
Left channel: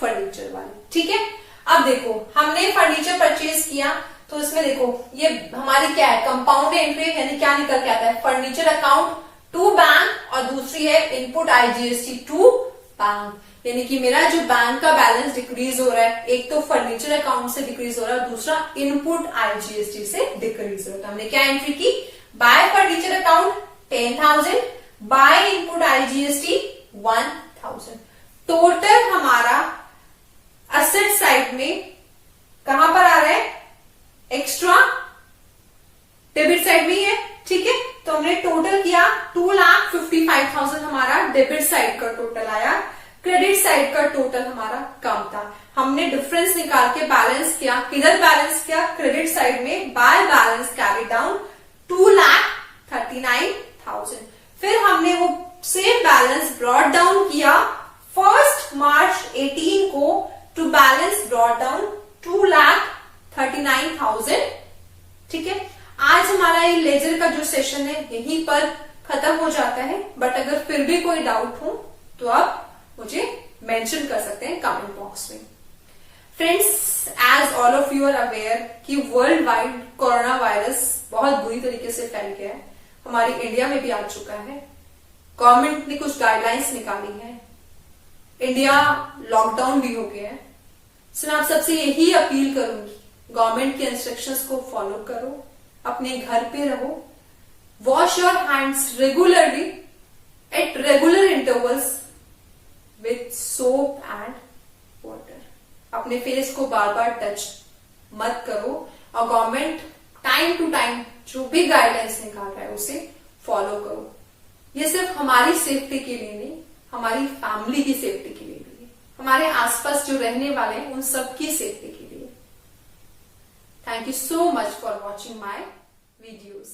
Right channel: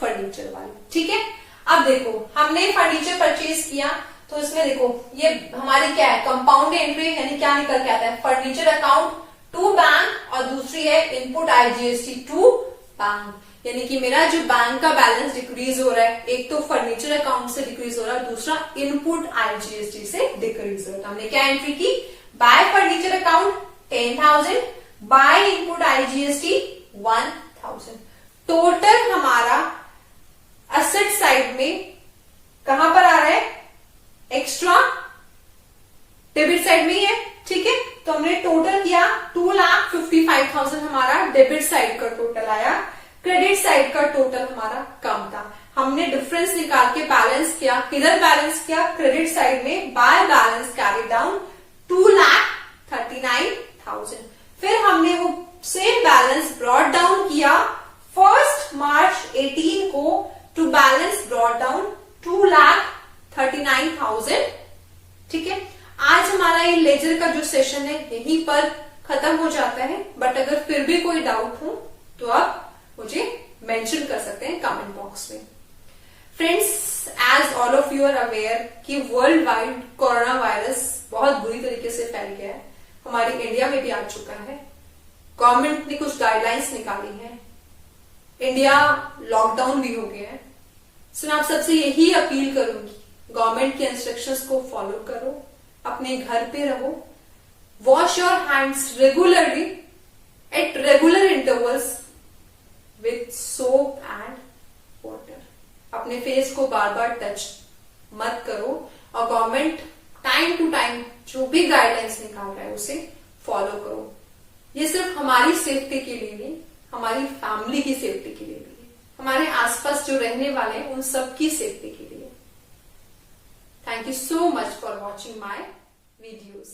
फर्नीचर वाली। ठीक है, अब देखो हमने फर्नीचर परचेज किया तो इसमें देखो ये हमारी क्या है, कंपाउंड एंट्री, यानी क्या निकल के आता है, फर्नीचर अकाउंट टू बैंक और दूसरी है इनपुट आईजीएसटी टू बैंक, यानी कि मेरा जो बैंक का बैलेंस डिक्रीज हो रहा है, एक तो फर्नीचर अकाउंट से डिक्रीज हो रहा है, दूसरा इनपुट आईजीएसटी से डिक्रीज हो रहा है। हमने क्या एंट्री की, bye furniture account 10,000, by input IGST 1,000। Total हमारा असेट साइड में कहां पर आ रहा है, एक्स्ट्रा डेबिट साइड में ही है, ठीक है। तो हमने टोटल किया 2,55,000 हमारा डेबिट साइड का टोटल आया, क्रेडिट साइड का टोटल हमारा कम था। हमने डिफरेंस निकाल के बैलेंस किया, किधर बैलेंस किया, क्रेडिट साइड में, बाय बैलेंस कैरी डाउन 2,39,000। फिर हमने वो सेम बैलेंस ब्रॉट डाउन किया 1 मार्च 18 को टू बैलेंस ब्रॉट डाउन 2,39,000, ठीक है। आज हमारा ये लेजर का जो सेशन है यहीं पर खत्म हो जाता है, बट अगर फिर भी कोई डाउट हो तो आप मुझे मेंशन कर सकते हैं कमेंट बॉक्स में। Friends, as all of you are aware कि वर्ल्ड वाइड कोरोना वायरस बहुत बुरी तरीके से फैल गया है, हमारी इंडिया में भी आ चुका है। गवर्नमेंट ने कुछ गाइडलाइंस निकाली है, इंडिया लॉकडाउन भी हो गया है। सो मैं आप सबसे यही अपील करूंगी, गवर्नमेंट के इंस्ट्रक्शंस को फॉलो करो, अपने घर पे रहो, wash your hands regularly at regular intervals with soap and water. अपने फेस को बार बार टच मत करो, और गवर्नमेंट टाइम टू टाइम जो भी गाइडलाइंस निकाल रहा है उसे फॉलो करो। ये सिर्फ हमारी सेफ्टी के लिए नहीं, हमारी फैमिली की सेफ्टी के लिए भी, हमारे आसपास जो रहने वाले हैं उन सबकी सेफ्टी के लिए। Thank you so much for watching my videos.